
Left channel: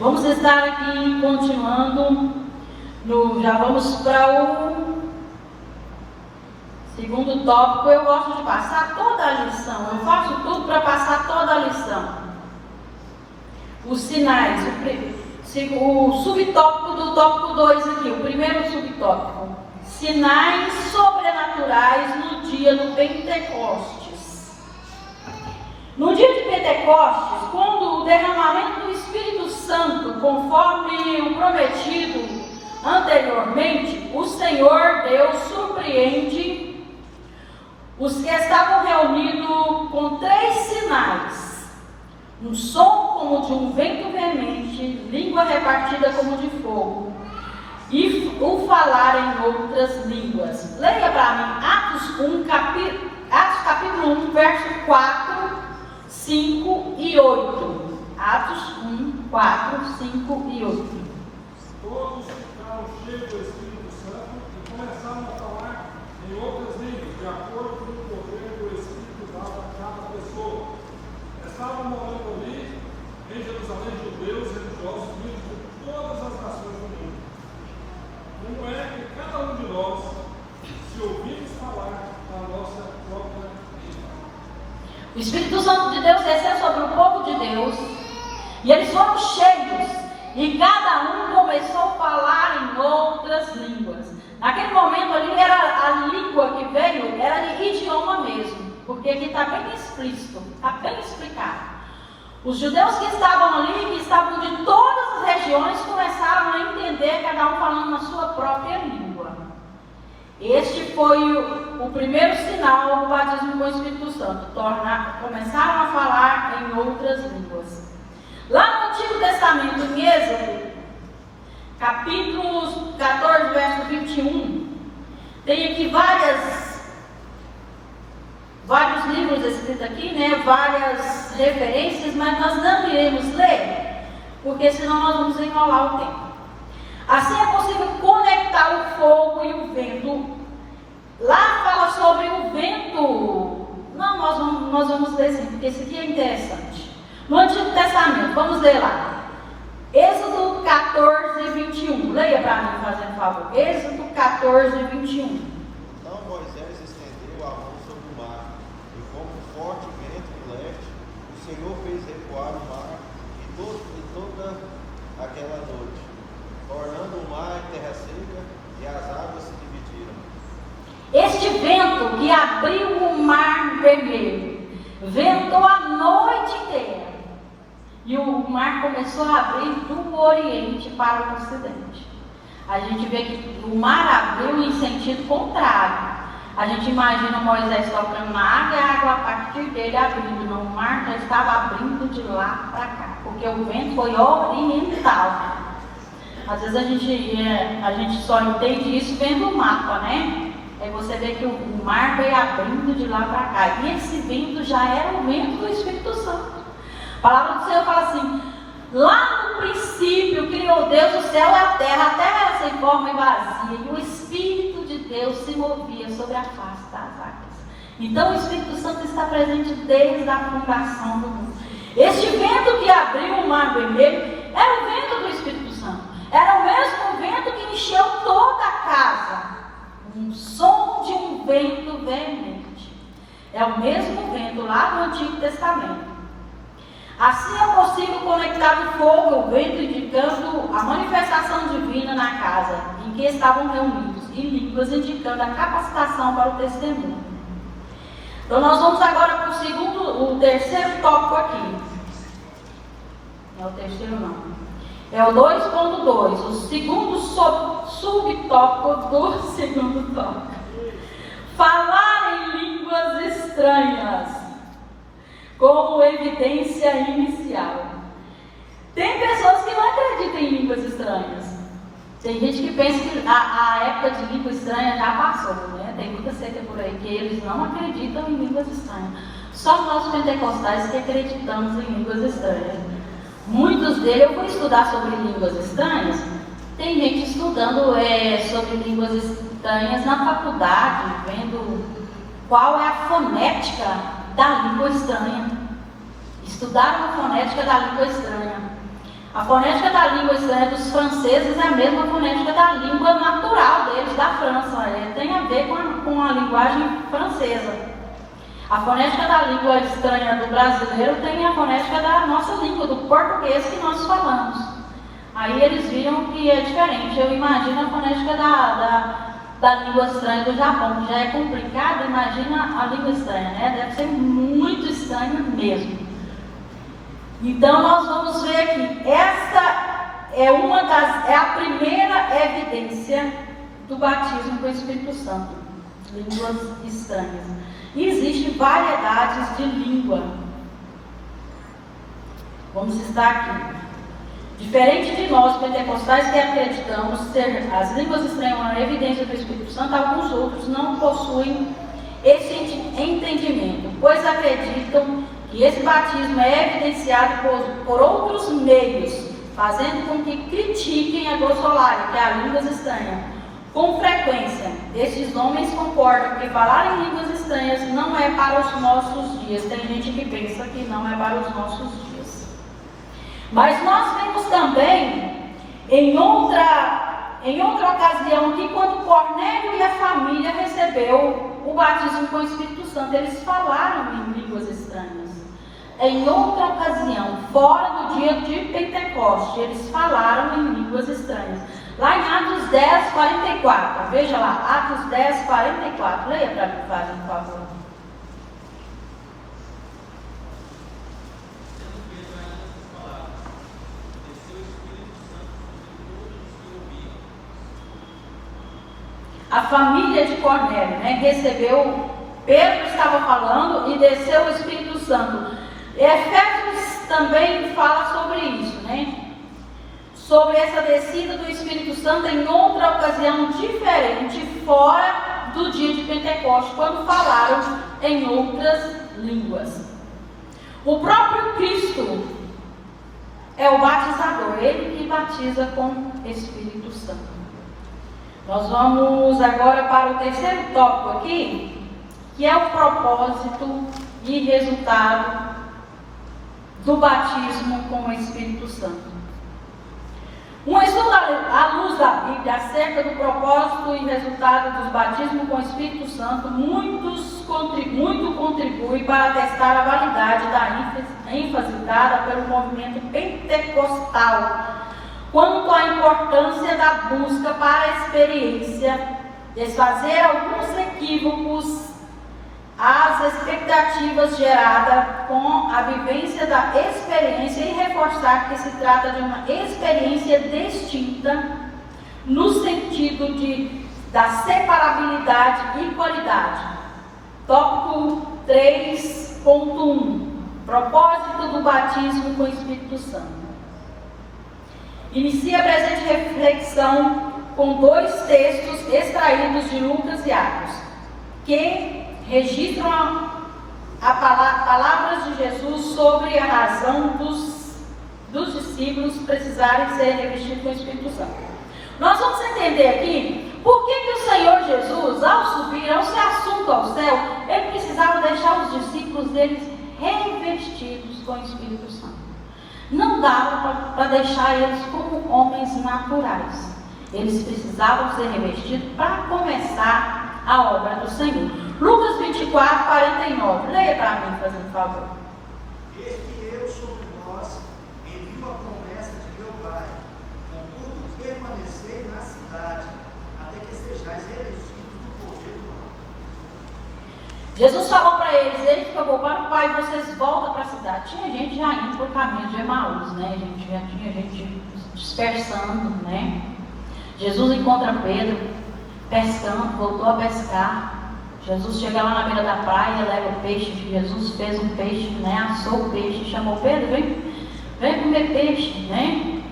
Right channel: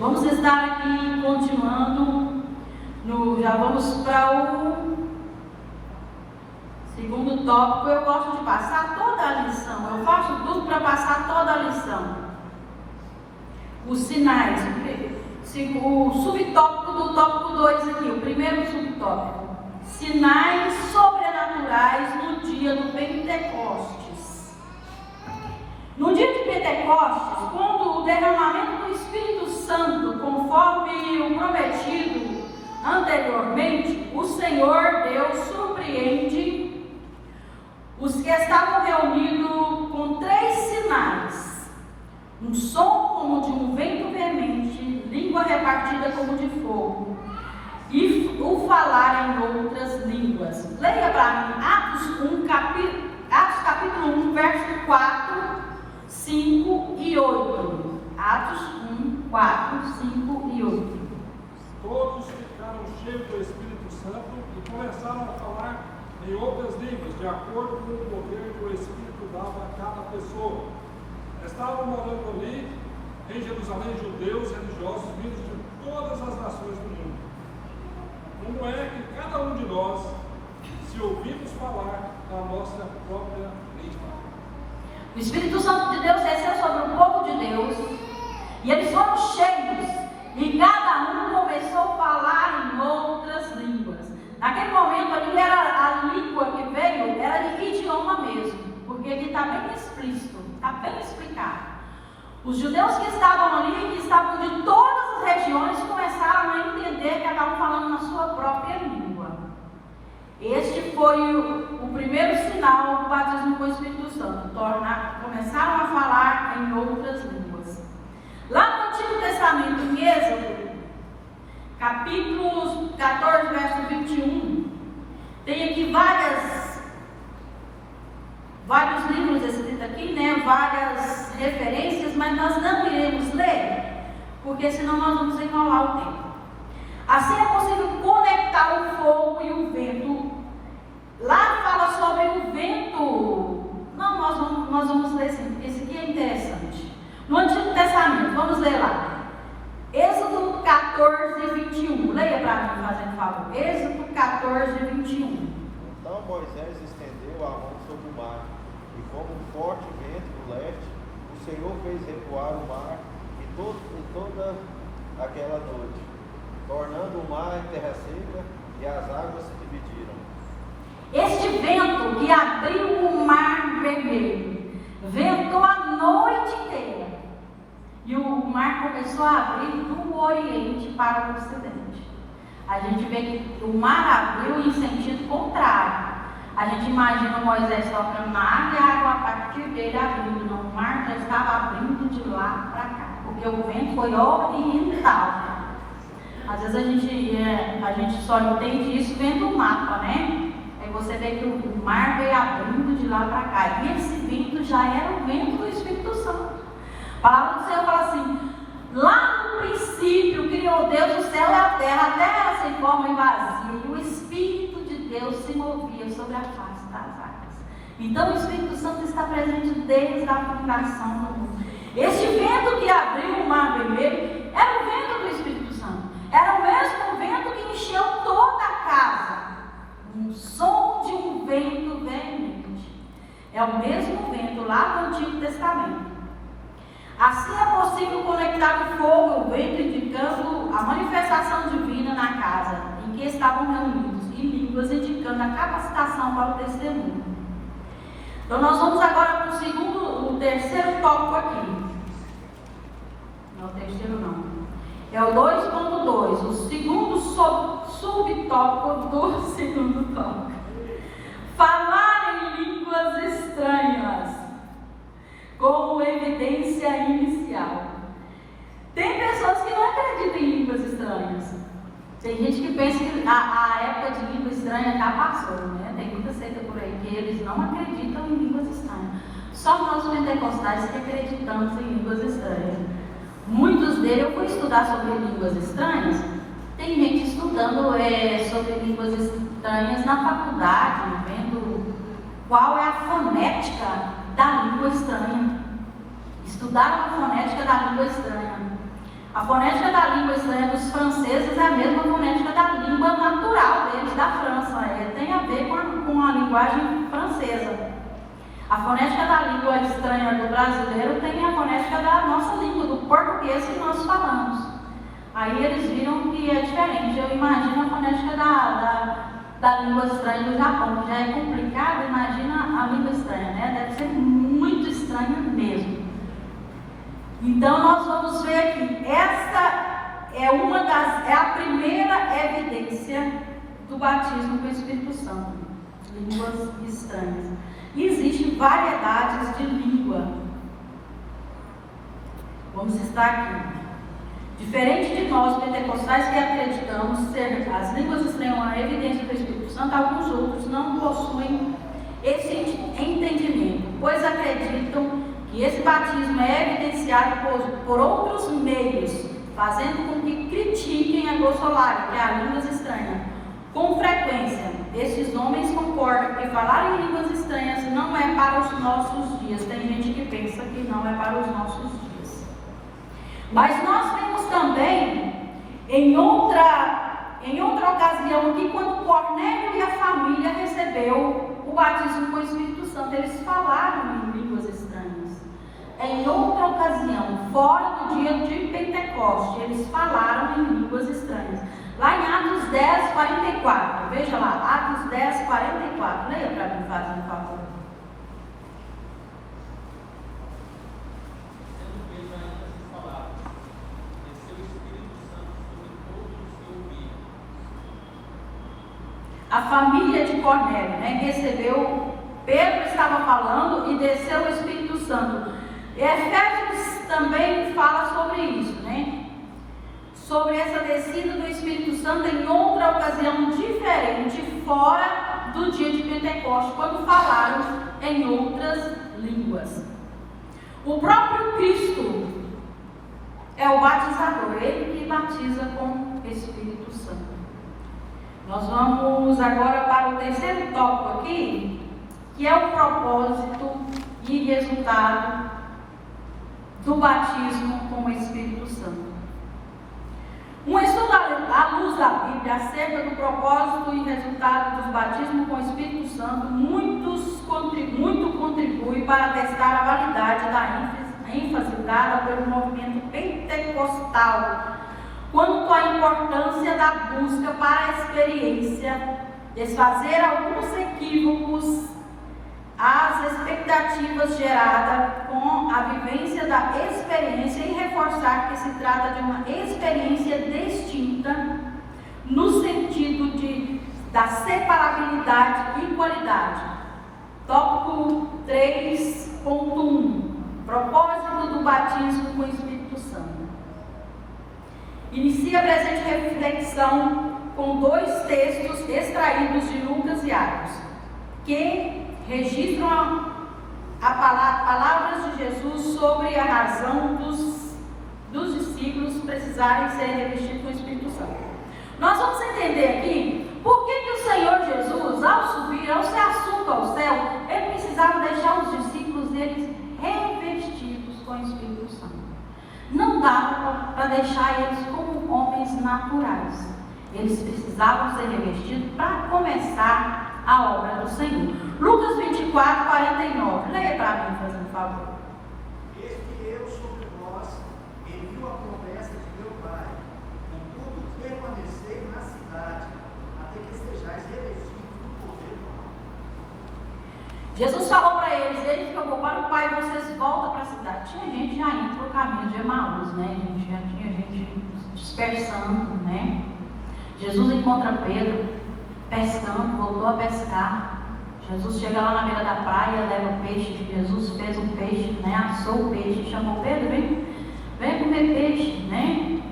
Vamos estar aqui continuando, já vamos para o segundo tópico. Eu gosto de passar toda a lição, eu faço tudo para passar toda a lição. Os sinais, o subtópico do tópico 2 aqui, o primeiro subtópico. Sinais sobrenaturais no dia do Pentecostes. No dia de Pentecostes, quando o derramamento do Espírito Santo, conforme o prometido anteriormente, o Senhor Deus surpreende os que estavam reunidos com 3 sinais. Um som como de um vento veemente, língua repartida como de fogo, e o falar em outras línguas. Leia para mim Atos capítulo 1, verso 4, 5 e 8. Atos 1, 4, 5 e 8. Todos ficaram cheios do Espírito Santo e começaram a falar em outras línguas, de acordo com o poder do Espírito dado a cada pessoa. Estavam morando ali, em Jerusalém, judeus e religiosos vindos de todas as nações do mundo. Como é que cada um de nós, se ouvirmos falar da nossa própria língua? O Espírito Santo de Deus desceu sobre o povo de Deus, e eles foram cheios, e cada um começou a falar em outras línguas. Naquele momento ali, era a língua que veio, era de idioma mesmo. Porque aqui está bem explícito, está bem explicado. Os judeus que estavam ali, que estavam de todas as regiões, começaram a entender, cada um falando na sua própria língua. Este foi o primeiro sinal do batismo com o Espírito Santo. Começaram a falar em outras línguas. Lá no Antigo Testamento, em Êxodo, capítulo 14, verso 21, tem aqui vários livros escritos aqui, né? Várias referências, mas nós não iremos ler, porque senão nós vamos enrolar o tempo. Assim é possível conectar o fogo e o vento. Lá fala sobre o vento. Não, nós vamos ler sim, porque esse aqui é interessante. No Antigo Testamento, vamos ler lá. Êxodo 14, 21. Leia para mim, fazendo favor. Êxodo 14, 21. Então Moisés estendeu a mão sobre o mar, e com um forte vento do leste, o Senhor fez recuar o mar e toda aquela noite, tornando o mar em terra seca, e as águas se dividiram. Este vento que abriu o mar vermelho, ventou a noite inteira. E o mar começou a abrir do Oriente para o Ocidente. A gente vê que o mar abriu em sentido contrário. A gente imagina Moisés tocando na água e a água a partir dele abrindo. Não, o mar já estava abrindo de lá para cá, porque o vento foi oriental. Às vezes a gente só entende isso vendo o mapa, né? Aí você vê que o mar veio abrindo de lá para cá. E esse vento já era o vento do Espírito Santo. A palavra do Senhor fala assim: lá no princípio criou Deus o céu e a terra era sem forma e vazia, e o Espírito de Deus se movia sobre a face das águas. Então o Espírito Santo está presente desde a fundação do mundo. Este vento que abriu o mar vermelho era o vento do Espírito Santo, era o mesmo vento que encheu toda a casa, um som de um vento veemente. É o mesmo vento lá do Antigo Testamento. Assim é possível conectar o fogo e o vento, indicando a manifestação divina na casa em que estavam reunidos, e línguas indicando a capacitação para o testemunho. Então nós vamos agora para o terceiro tópico aqui. Não é o terceiro não. É o 2.2, o segundo subtópico do segundo tópico. Falar em línguas estranhas como evidência inicial. Tem pessoas que não acreditam em línguas estranhas. Tem gente que pensa que a época de língua estranha já passou, né? Tem muita seita por aí que eles não acreditam em línguas estranhas. Só nós pentecostais que acreditamos em línguas estranhas. Muitos deles, eu fui estudar sobre línguas estranhas, tem gente estudando sobre línguas estranhas na faculdade, vendo qual é a fonética da língua estranha. Estudaram a fonética da língua estranha. A fonética da língua estranha dos franceses é a mesma fonética da língua natural deles, da França. Tem a ver com a linguagem francesa. A fonética da língua estranha do brasileiro tem a fonética da nossa língua, do português que nós falamos. Aí eles viram que é diferente. Eu imagino a fonética da língua estranha do Japão, que já é complicada. Imagina a língua estranha, né? Deve ser muito estranho mesmo. Então nós vamos ver aqui, essa é a primeira evidência do batismo com o Espírito Santo, línguas estranhas. E existem variedades de língua. Vamos estar aqui. Diferente de nós pentecostais que acreditamos ser as línguas estranhas uma evidência do Espírito Santo, alguns outros não possuem esse entendimento, pois acreditam que esse batismo é evidenciado por outros meios, fazendo com que critiquem a glossolária, que é a língua estranha. Com frequência, estes homens concordam que falar em línguas estranhas não é para os nossos dias. Tem gente que pensa que não é para os nossos dias. Mas nós vimos também, em outra ocasião, que quando Cornélio e a família recebeu o batismo com o Espírito Santo, eles falaram em línguas estranhas. Em outra ocasião, fora do dia de Pentecoste, eles falaram em línguas estranhas. Lá em Atos 10, 44. Veja lá, Atos 10, 44. Leia para mim, Flávio, por favor. A família de Cornélio, né, recebeu, Pedro estava falando e desceu o Espírito Santo. Efésios também fala sobre isso, né? Sobre essa descida do Espírito Santo em outra ocasião diferente, fora do dia de Pentecostes, quando falaram em outras línguas. O próprio Cristo é o batizador, ele que batiza com Espírito Santo. Nós vamos agora para o terceiro tópico aqui, que é o propósito e resultado do batismo com o Espírito Santo. Um estudo à luz da Bíblia acerca do propósito e resultado dos batismos com o Espírito Santo muito contribui para testar a validade da ênfase dada pelo movimento pentecostal quanto à importância da busca para a experiência, desfazer alguns equívocos às expectativas geradas com a vivência da experiência e reforçar que se trata de uma experiência distinta no sentido da separabilidade e qualidade. Tópico 3.1 Propósito do batismo com o Espírito Santo. Inicia a presente reflexão com dois textos extraídos de Lucas e Atos, que registram palavras de Jesus sobre a razão dos discípulos precisarem ser revestidos com o Espírito Santo. Nós vamos entender aqui por que o Senhor Jesus, ao subir, ao ser assunto ao céu, ele precisava deixar os discípulos deles revestidos com o Espírito Santo. Não dava para deixar eles como homens naturais. Eles precisavam ser revestidos para começar a obra do Senhor. Lucas 24, 49. Leia para mim, fazendo favor. Eis que eu sobre vós envio a promessa de meu Pai. Contudo, permanecei na cidade, até que sejais revestidos do poder do alto. Jesus falou para eles, eles que eu vou para o Pai, vocês voltam para a cidade. Tinha gente já indo para o caminho de Emaús, né? Já tinha gente dispersando, né? Jesus encontra Pedro pescando, voltou a pescar. Jesus chega lá na beira da praia, leva o peixe. Jesus fez um peixe, né? Assou o peixe, chamou Pedro, vem comer peixe, né?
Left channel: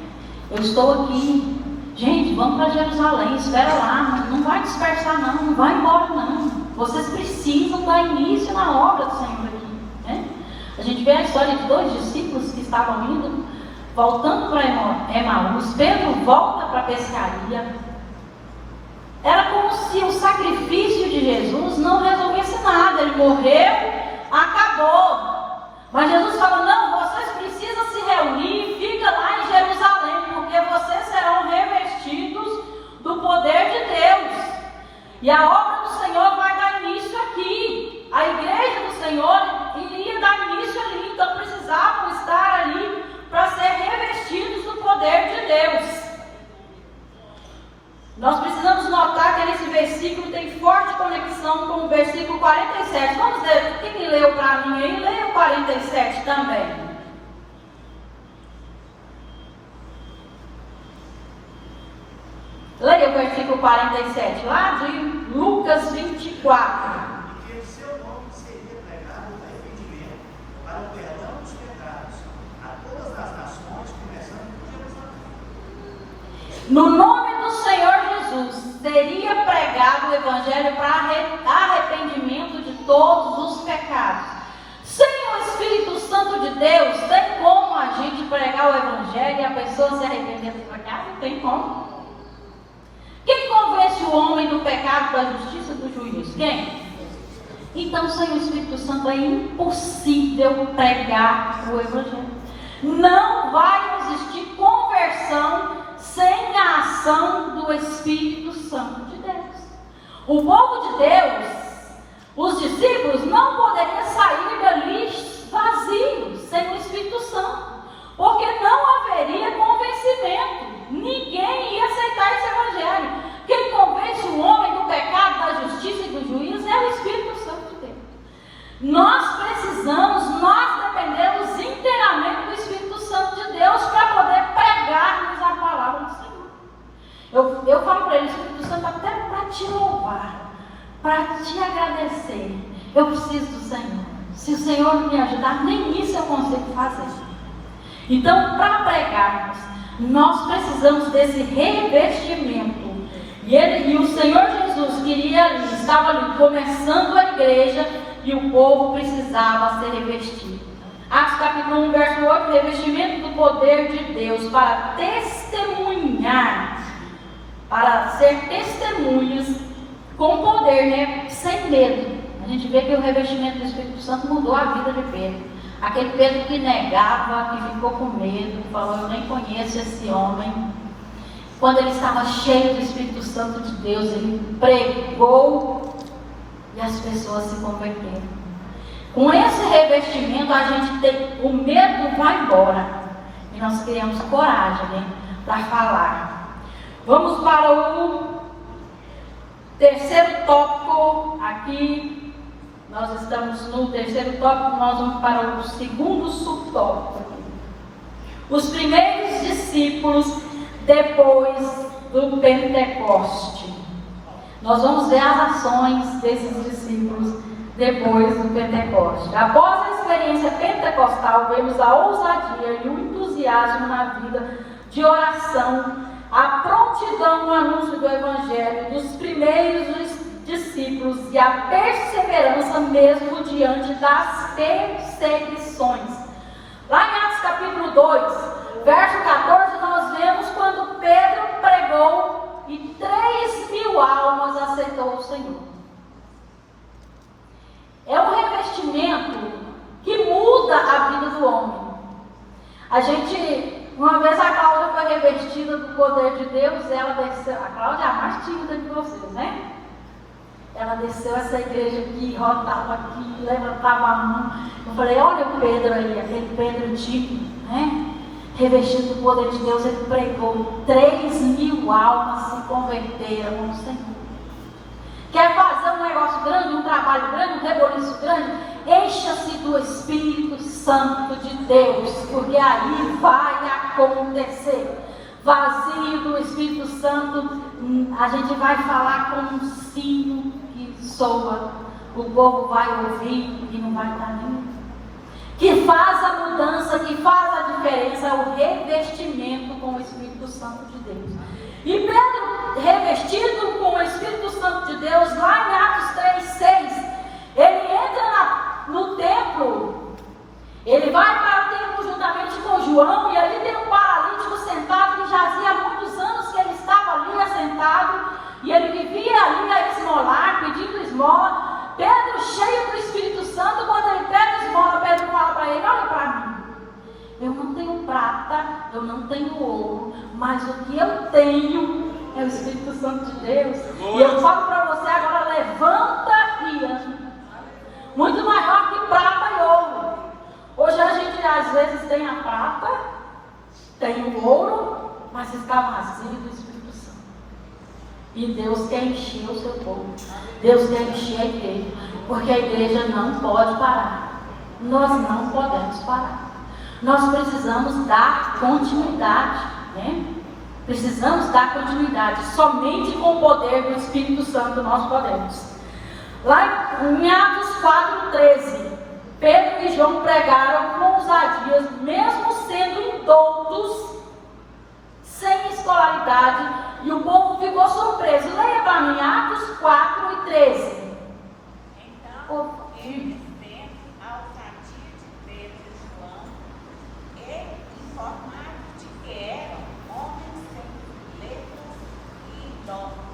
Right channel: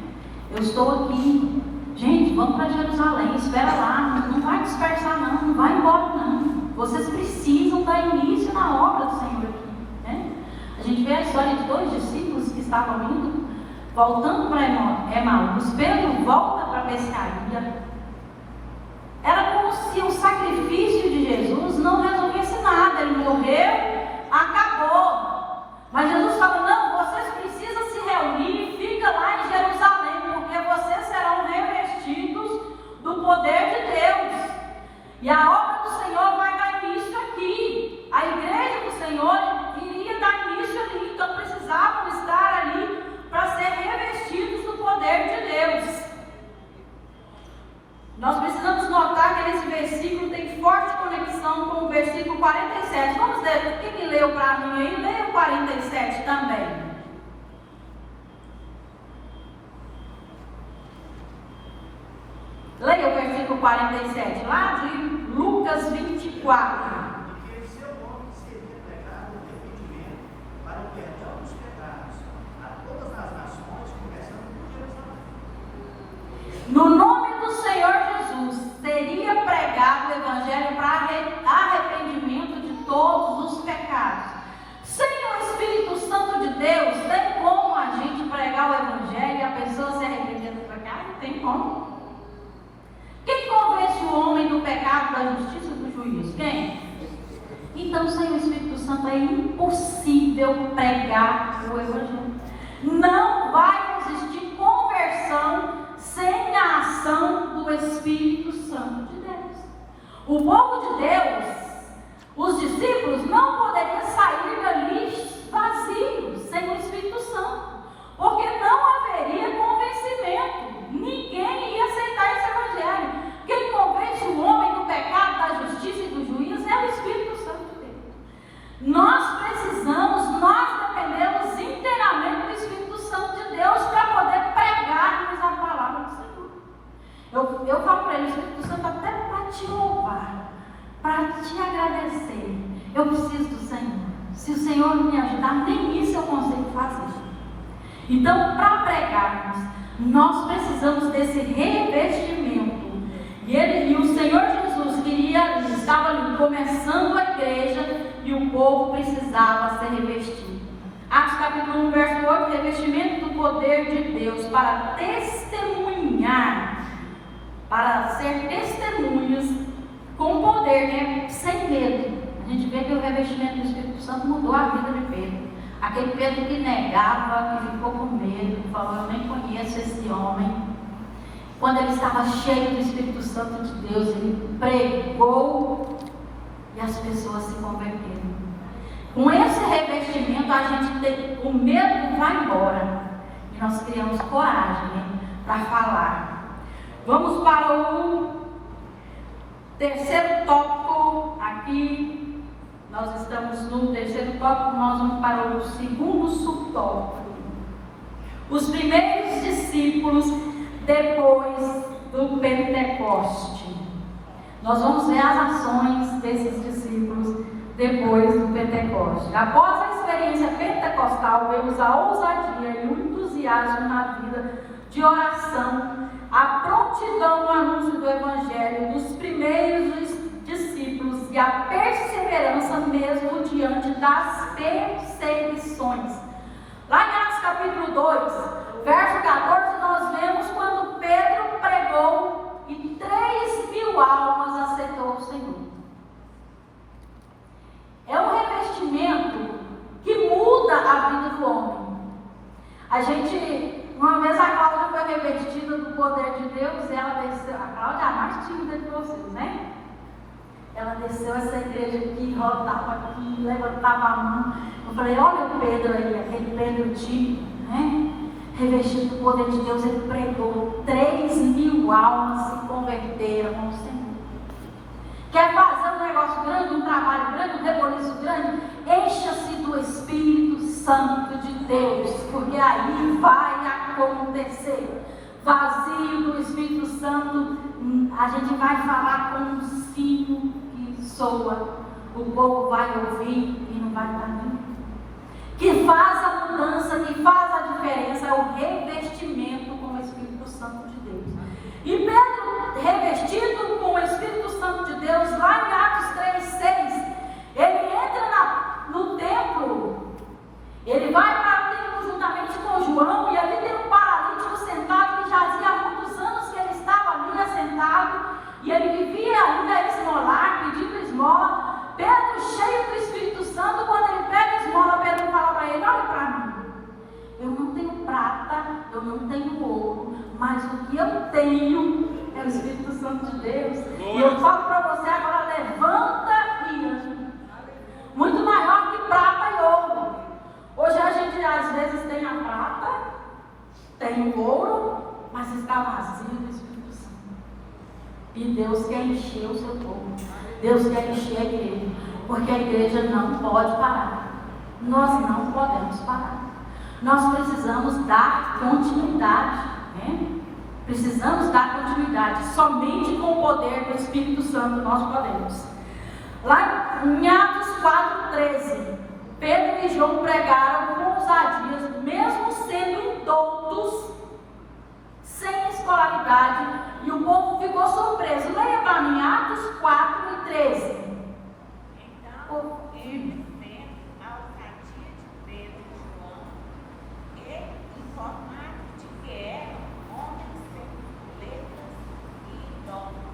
Eu estou aqui. Gente, vamos para Jerusalém, espera lá, não vai dispersar não vai embora não. Vocês precisam dar início na obra do Senhor aqui, né? A gente vê a história de 2 discípulos que estavam indo, voltando para Emaús. Pedro volta para a pescaria. Era como se o sacrifício de Jesus não resolvesse nada. Ele morreu, acabou. Mas Jesus falou, não, vocês precisam se reunir, fica lá em Jerusalém, porque vocês serão revestidos do poder de Deus. E a obra do Senhor vai dar início aqui. A igreja do Senhor iria dar início ali, então precisavam estar ali para ser revestidos do poder de Deus. Nós precisamos notar que esse versículo tem forte conexão com o versículo 47. Vamos ler, quem leu para mim aí? Leia o 47 também. Leia o versículo 47, lá de Lucas 24. E que em seu nome seria pregado o arrependimento para o perdão dos pecados a todas as nações, começando por Jerusalém. No nome do Senhor Jesus, seria pregado o Evangelho para arrependimento de todos os pecados. Sem o Espírito Santo de Deus, tem como a gente pregar o Evangelho e a pessoa se arrepender do pecado? Tem como? Quem convence o homem do pecado, da justiça e do juízo? Quem? Então, sem o Espírito Santo é impossível pregar o Evangelho. Não vai existir conversão sem a ação do Espírito Santo de Deus. O povo de Deus, os discípulos, não poderiam sair dali vazios, sem o Espírito Santo, porque não haveria convencimento. Ninguém ia aceitar esse Evangelho. Quem convence o homem do pecado, da justiça e do juízo é o Espírito Santo de Deus. Nós dependemos inteiramente do Espírito Santo de Deus para poder pregar-nos a palavra do Senhor. Eu falo para ele, Espírito Santo, até para te louvar, para te agradecer. Eu preciso do Senhor. Se o Senhor não me ajudar, nem isso eu consigo fazer. Então, para pregarmos, nós precisamos desse revestimento. E o Senhor Jesus estava ali começando a igreja e o povo precisava ser revestido. Atos capítulo 1, verso 8, revestimento do poder de Deus para testemunhar, para ser testemunhas com poder, né? Sem medo. A gente vê que o revestimento do Espírito Santo mudou a vida de Pedro. Aquele Pedro que negava, que ficou com medo, que falou, eu nem conheço esse homem. Quando ele estava cheio do Espírito Santo de Deus, ele pregou e as pessoas se converteram. Com esse revestimento, a gente tem, o medo vai embora. E nós criamos coragem, né, para falar. Vamos para o terceiro tópico aqui. Nós estamos no terceiro tópico, nós vamos para o segundo subtópico. Os primeiros discípulos depois do Pentecoste. Nós vamos ver as ações desses discípulos depois do Pentecoste. Após a experiência pentecostal, vemos a ousadia e o entusiasmo na vida de oração, a prontidão no anúncio do Evangelho dos primeiros discípulos e a perseverança mesmo diante das perseguições. Lá em Atos capítulo 2, verso 14, nós vemos quando Pedro pregou e 3.000 almas aceitou o Senhor. É um revestimento que muda a vida do homem. Uma vez a Cláudia foi revestida do poder de Deus, ela desceu, a Cláudia é a mais tímida de vocês, né? Ela desceu essa igreja aqui, rodava aqui, levantava a mão. Eu falei, olha o Pedro aí, aquele Pedro tímido, né? Revestido do poder de Deus, ele pregou, 3.000 almas se converteram ao Senhor. Quer fazer um negócio grande, um trabalho grande, um reboliço grande? Encha-se do Espírito Santo de Deus, porque aí vai acontecer. Vazio do Espírito Santo, a gente vai falar com um sino que soa, o povo vai ouvir e não vai dar nem. Que faz a mudança, que faz a diferença, é o revestimento com o Espírito Santo de Deus. E Pedro, revestido com o Espírito Santo de Deus, lá em Atos 3:6, ele entra no templo, ele vai para o templo juntamente com João, e ali tem um paralítico sentado, que jazia há muitos anos que ele estava ali assentado, e ele vivia ali a esmolar, pedindo esmola. Pedro, cheio do Espírito Santo, quando ele pega a esmola, Pedro fala para ele: olha para mim, eu não tenho prata, eu não tenho ouro, mas o que eu tenho é o Espírito Santo de Deus. E eu falo para você agora: levanta e anda. Muito maior que prata e ouro. Hoje a gente às vezes tem a prata, tem o ouro, mas está vazio do Espírito Santo. E Deus quer encher o seu povo. Deus quer encher a igreja, porque a igreja não pode parar. Nós não podemos parar. Nós precisamos dar continuidade, né? Precisamos dar continuidade. Somente com o poder do Espírito Santo nós podemos. Lá em Atos 4:13, Pedro e João pregaram com ousadias, mesmo sendo indoutos, sem escolaridade, e o povo ficou surpreso. Leia para mim Atos 4:13. Então, eles, vendo a ousadia de Pedro e João, e informados de que eram homens sem letras e todos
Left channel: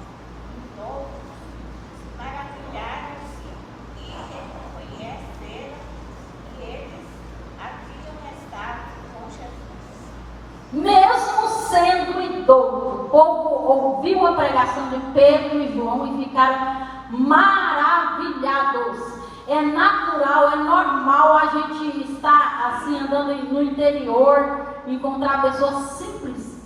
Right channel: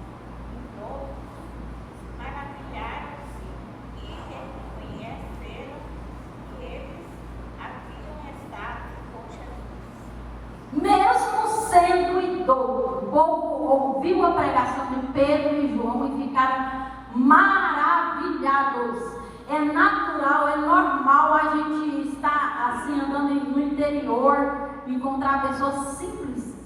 maravilharam-se e reconheceram que eles haviam estado com Jesus. Mesmo sendo indouto, o povo ouviu a pregação de Pedro e João e ficaram maravilhados. É natural, é normal a gente estar assim andando no interior, encontrar pessoas simples,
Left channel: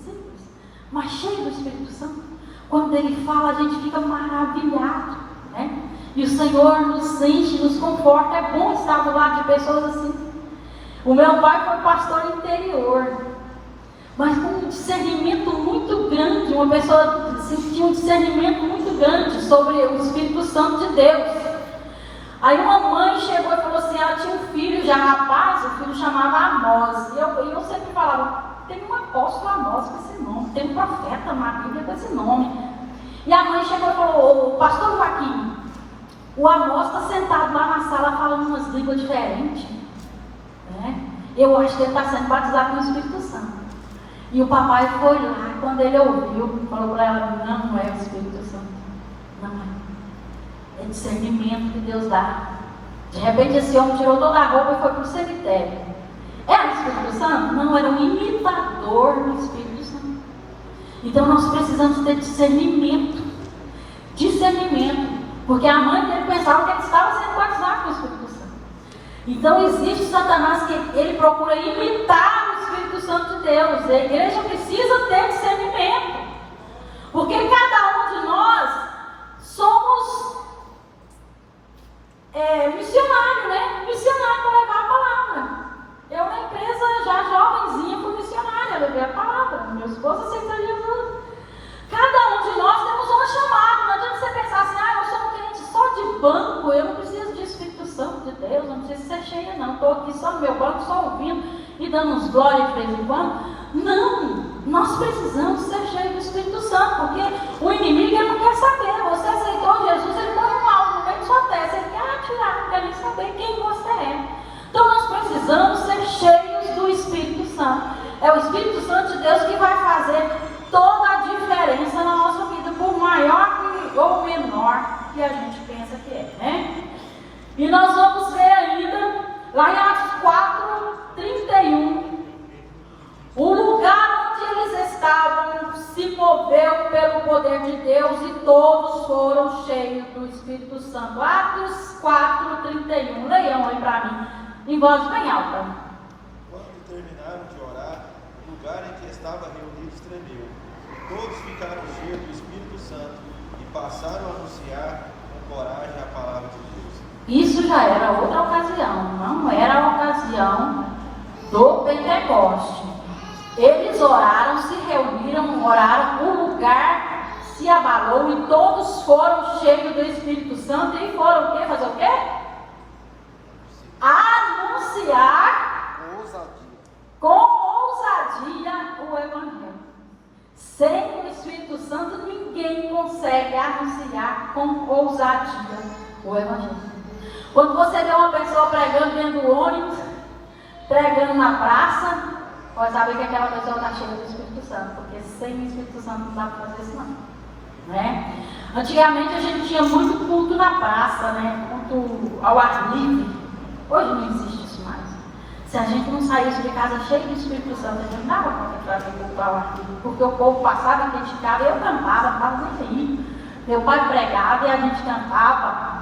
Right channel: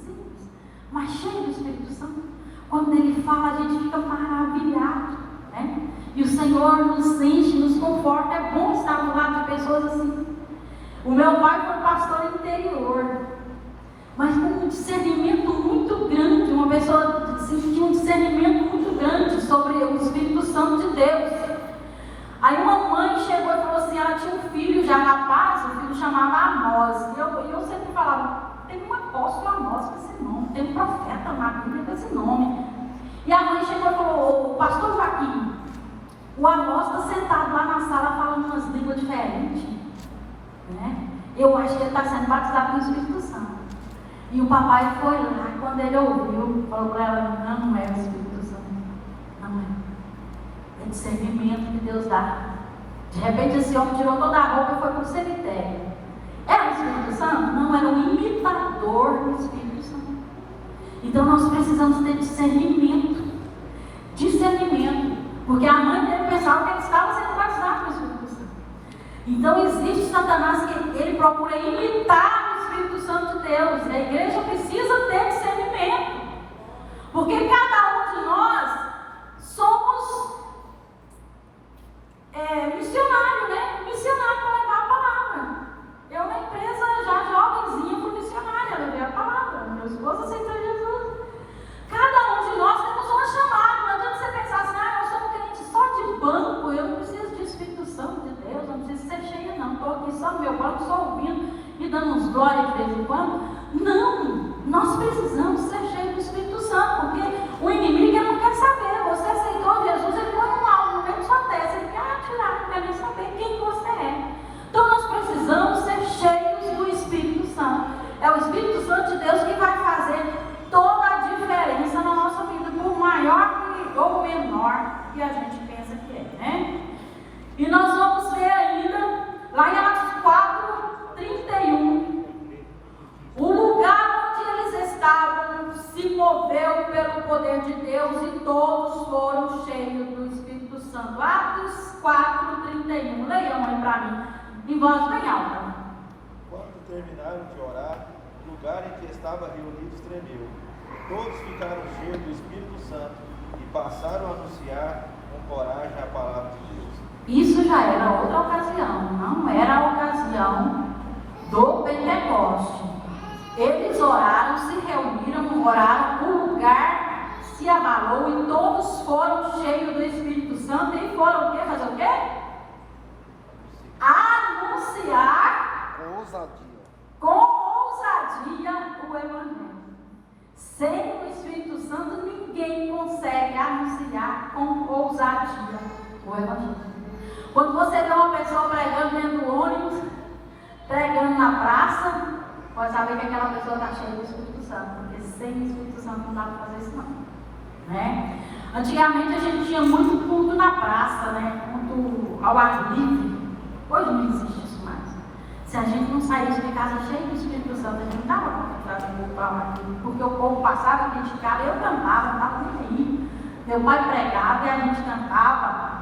mas cheias do Espírito Santo. Quando ele fala, a gente fica maravilhado, né? E o Senhor nos enche, nos conforta. É bom estar do lado de pessoas assim. O meu pai foi pastor interior, mas com um discernimento muito grande. Uma pessoa tinha um discernimento muito grande sobre o Espírito Santo de Deus. Aí uma mãe chegou e falou assim: ela tinha um filho já rapaz, o filho chamava Amós. E eu sempre falava: tem um apóstolo Amós com esse nome, tem um profeta na Bíblia com esse nome. E a mãe chegou e falou: ô pastor Joaquim, o Amós está sentado lá na sala falando umas línguas diferentes, né? Eu acho que ele está sendo batizado no Espírito Santo. E o papai foi lá, quando ele ouviu, falou para ela: não é o Espírito Santo, não é. É discernimento que Deus dá. De repente esse homem tirou toda a roupa e foi para o cemitério. Era o Espírito Santo? Não, era um imitador do Espírito Santo. Então nós precisamos ter discernimento. Discernimento. Porque a mãe dele pensava que ele estava sendo batizado com o Espírito Santo. Então existe Satanás que ele procura imitar o Espírito Santo de Deus. A igreja precisa ter discernimento. Porque cada um de nós somos missionário, né? Missionário para levar a palavra. Eu na empresa já jovenzinha fui missionária, levei a palavra. Meu esposo aceitou Jesus. Cada um de nós temos uma chamada. Não adianta você pensar assim: eu sou um crente só de banco, eu não preciso de Espírito Santo de Deus, não preciso ser cheia não, estou aqui só no meu banco, só ouvindo e dando uns glórias de vez em quando. Não, nós precisamos ser cheios do Espírito Santo, porque o inimigo ele não quer saber. Você aceitou Jesus, ele põe um mal no meio de sua testa, ele quer atirar, não quer nem saber quem você é. Então nós precisamos ser cheios do Espírito Santo. É o Espírito Santo de Deus que vai fazer toda a diferença na nossa vida, por maior ou menor que a gente pensa que é, né? E nós vamos ver ainda, lá em Atos 4:31, o lugar onde eles estavam se moveu pelo poder de Deus e todos foram cheios do Espírito Santo. Atos 4:31, leiam aí para mim, em voz bem alta. Quando terminaram de orar, o lugar em que estavam reunidos tremeu. Todos ficaram cheios do Espírito Santo e passaram a anunciar coragem à palavra de Deus. Isso já era outra ocasião, não era a ocasião do Pentecoste. Eles oraram, se reuniram, oraram, o lugar se abalou e todos foram cheios do Espírito Santo e foram o quê? Fazer o quê? Anunciar com ousadia o Evangelho. Sem o Espírito Santo, ninguém consegue anunciar com ousadia o Evangelho. Quando você vê uma pessoa pregando dentro do ônibus, pregando na praça, pode saber que aquela pessoa está cheia do Espírito Santo, porque sem o Espírito Santo não dá para fazer isso não. Né? Antigamente a gente tinha muito culto na praça, né? Culto ao ar livre. Hoje não existe isso mais. Se a gente não saísse de casa cheio do Espírito Santo, a gente não dava para fazer culto ao ar livre, porque o povo passava e criticava, eu cantava, não estava nem aí. Meu pai pregava e a gente cantava.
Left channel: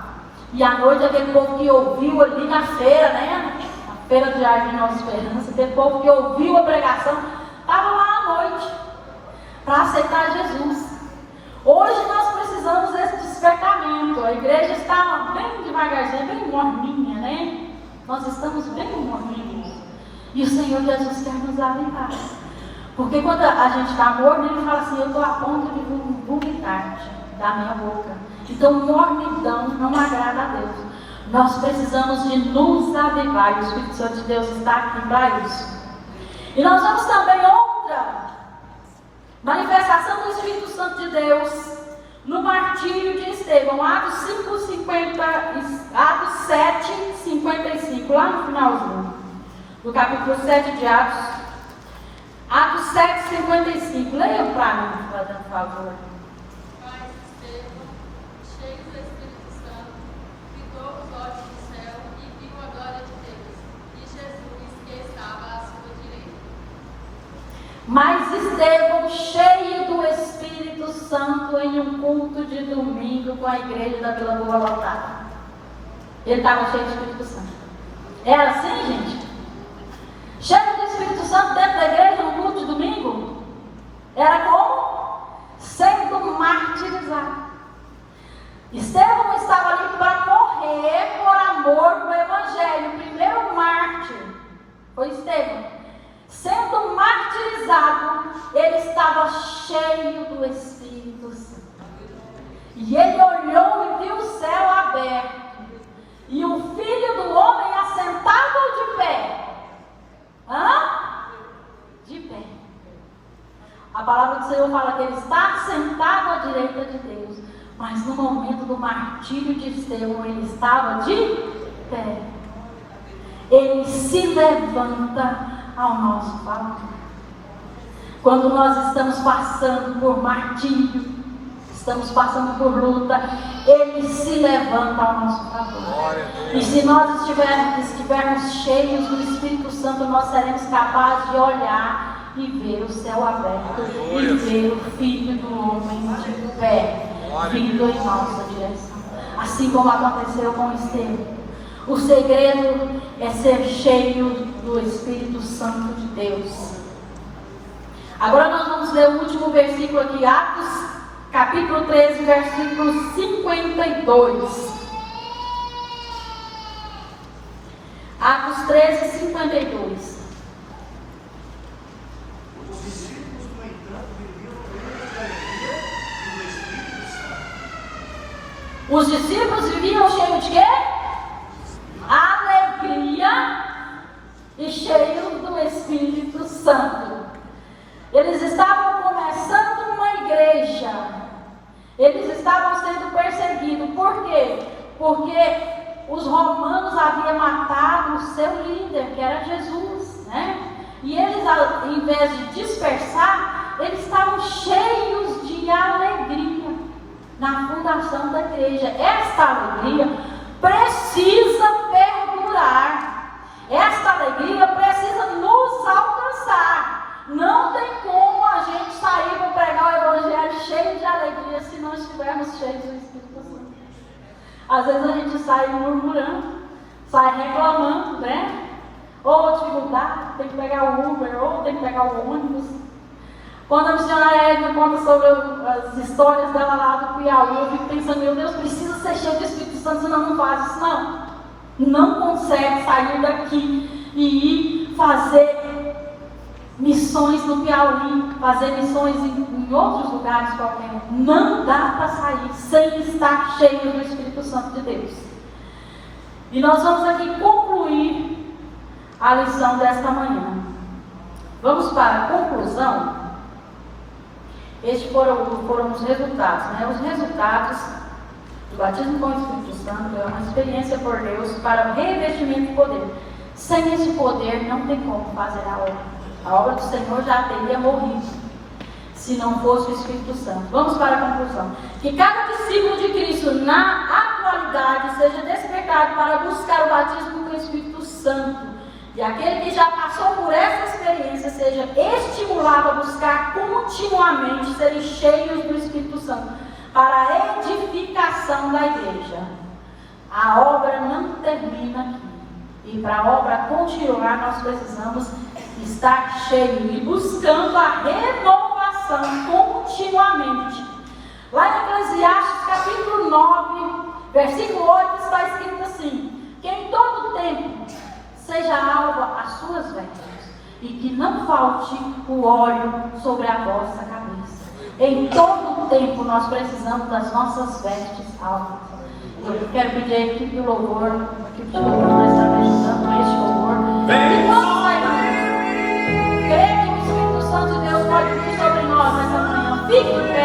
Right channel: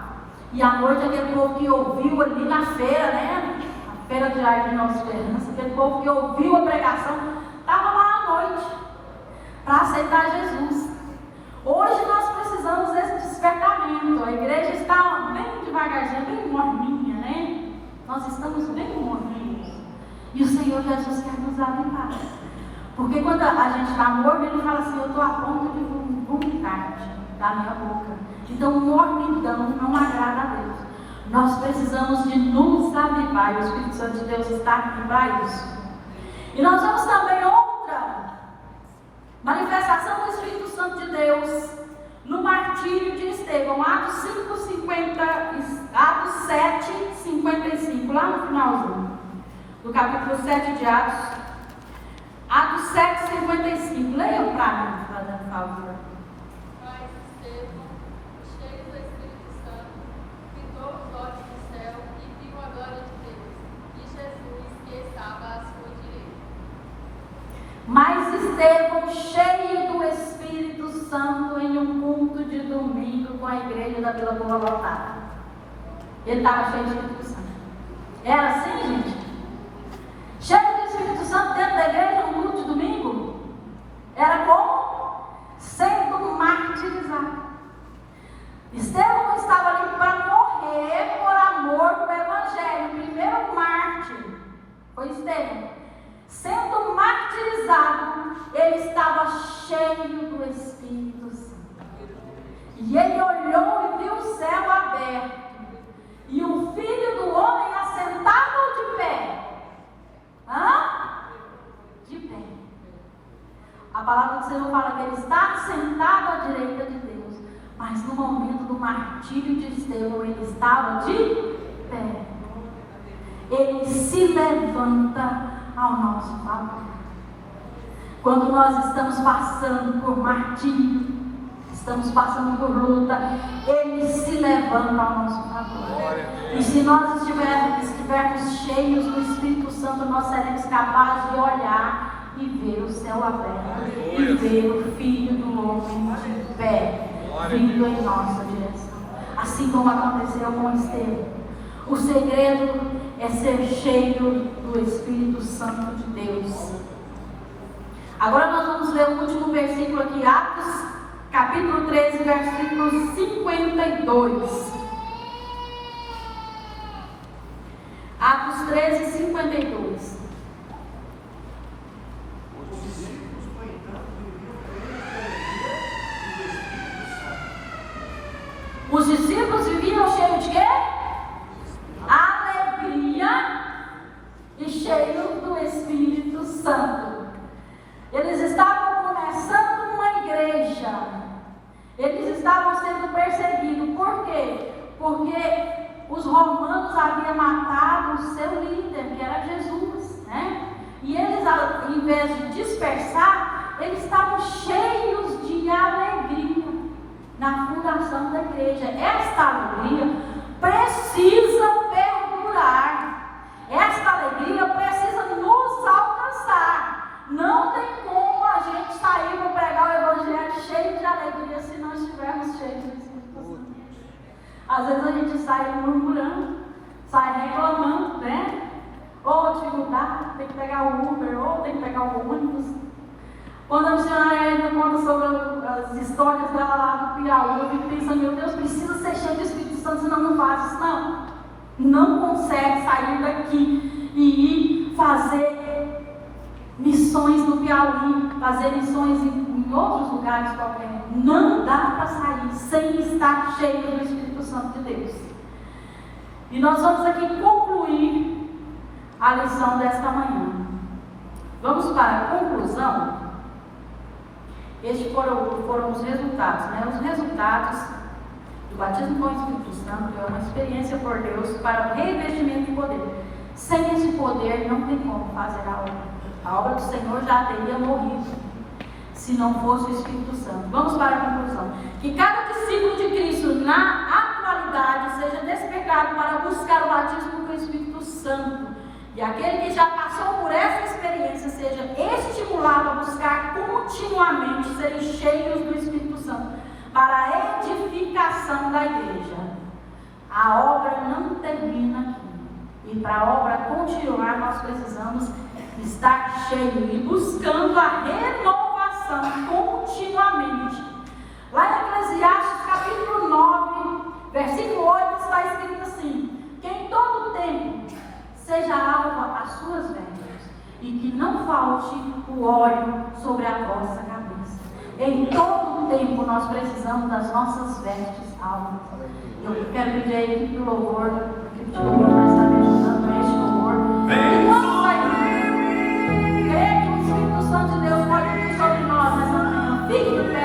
E à noite aquele povo que ouviu ali na feira, né? Na feira de Jardim Nossa Esperança, aquele povo que ouviu a pregação, estava lá à noite para aceitar Jesus. Hoje nós precisamos desse despertamento. A igreja está bem devagarzinho, bem morninha, né? Nós estamos bem morninhos. E o Senhor Jesus quer nos avivar. Porque quando a gente está morno, Ele fala assim: eu estou a ponto de vomitar da minha boca. Então, mornidão não agrada a Deus. Nós precisamos de nos avivar. E o Espírito Santo de Deus está aqui para isso. E nós vamos também outra manifestação do Espírito Santo de Deus no martírio de Estevão, Atos 7, 55, lá no finalzinho do capítulo 7 de Atos. Atos 7, 55. Leiam para mim, fazendo favor. Mas Estevão, cheio do Espírito Santo, fitou os olhos do céu e viu a glória de Deus e Jesus que estava à sua direita. Mas Estevão, cheio do Espírito Santo, em um culto de domingo com a igreja da Vila Boa lotada. Ele estava cheio do Espírito Santo. Era assim, gente? Cheio do Espírito Santo dentro da igreja no culto de domingo? Era como? Sendo martirizado. Estevão estava ali para morrer por amor do Evangelho. O primeiro mártir foi Estevão. Sendo martirizado, ele estava cheio do Espírito Santo. E ele olhou e viu o céu aberto. E o Filho do Homem assentado ou de pé? De pé. A palavra do Senhor fala que ele está sentado à direita de Deus. Mas no momento do martírio de Estevão, ele estava de pé. Ele se levanta ao nosso favor. Quando nós estamos passando por martírio, estamos passando por luta, Ele se levanta ao nosso favor. E se nós estivermos cheios do Espírito Santo, nós seremos capazes de olhar e ver o céu aberto e ver o Filho do Homem de pé vindo em nossa direção. Assim como aconteceu com Estevão. O segredo é ser cheio do Espírito Santo de Deus. Agora nós vamos ler o último versículo aqui, Atos, capítulo 13, versículo 52. Atos 13, 52. Os discípulos, no entanto, viviam plenos de alegria e do Espírito Santo. Os discípulos viviam cheios de quê? Alegria e cheios do Espírito Santo. Eles estavam começando uma igreja. Eles estavam sendo perseguidos. Por quê? Porque os romanos haviam matado o seu líder, que era Jesus, né? E eles, em vez de dispersar, eles estavam cheios de alegria na fundação da igreja. Esta alegria precisa perdurar. Esta alegria precisa nos alcançar. Não tem como a gente sair para pregar o Evangelho cheio de alegria se não estivermos cheios do Espírito Santo. Às vezes a gente sai murmurando, sai reclamando, né? Ou dificuldade, tem que pegar o Uber, ou tem que pegar o ônibus. Quando a missionária Edna conta sobre as histórias dela lá do Piauí, eu fico pensando, meu Deus, precisa ser cheio do Espírito Santo, senão não faz isso não. Não consegue sair daqui e ir fazer missões no Piauí, fazer missões em outros lugares qualquer. Não dá para sair sem estar cheio do Espírito Santo de Deus. E nós vamos aqui concluir a lição desta manhã. Vamos para a conclusão. Estes foram os resultados, né? Os resultados do batismo com o Espírito Santo é uma experiência por Deus para o revestimento de poder. Sem esse poder não tem como fazer a obra. A obra do Senhor já teria morrido se não fosse o Espírito Santo. Vamos para a conclusão. Que cada discípulo de Cristo na atualidade seja despertado para buscar o batismo com o Espírito Santo. E aquele que já passou por essa experiência seja estimulado a buscar continuamente serem cheios do Espírito Santo para a edificação da igreja. A obra não termina aqui. E para a obra continuar, nós precisamos estar cheio e buscando a renovação continuamente. Lá em Eclesiastes capítulo 9, versículo 8, está escrito assim: que em todo tempo seja alva as suas vestes, e que não falte o óleo sobre a vossa cabeça. Em todo tempo nós precisamos das nossas vestes alvas. Eu quero pedir a equipe do louvor, a equipe de louvor para estar me ajudando a este louvor. E vamos aí, creio que o Espírito Santo de Deus pode vir sobre nós nessa manhã. Fique em pé.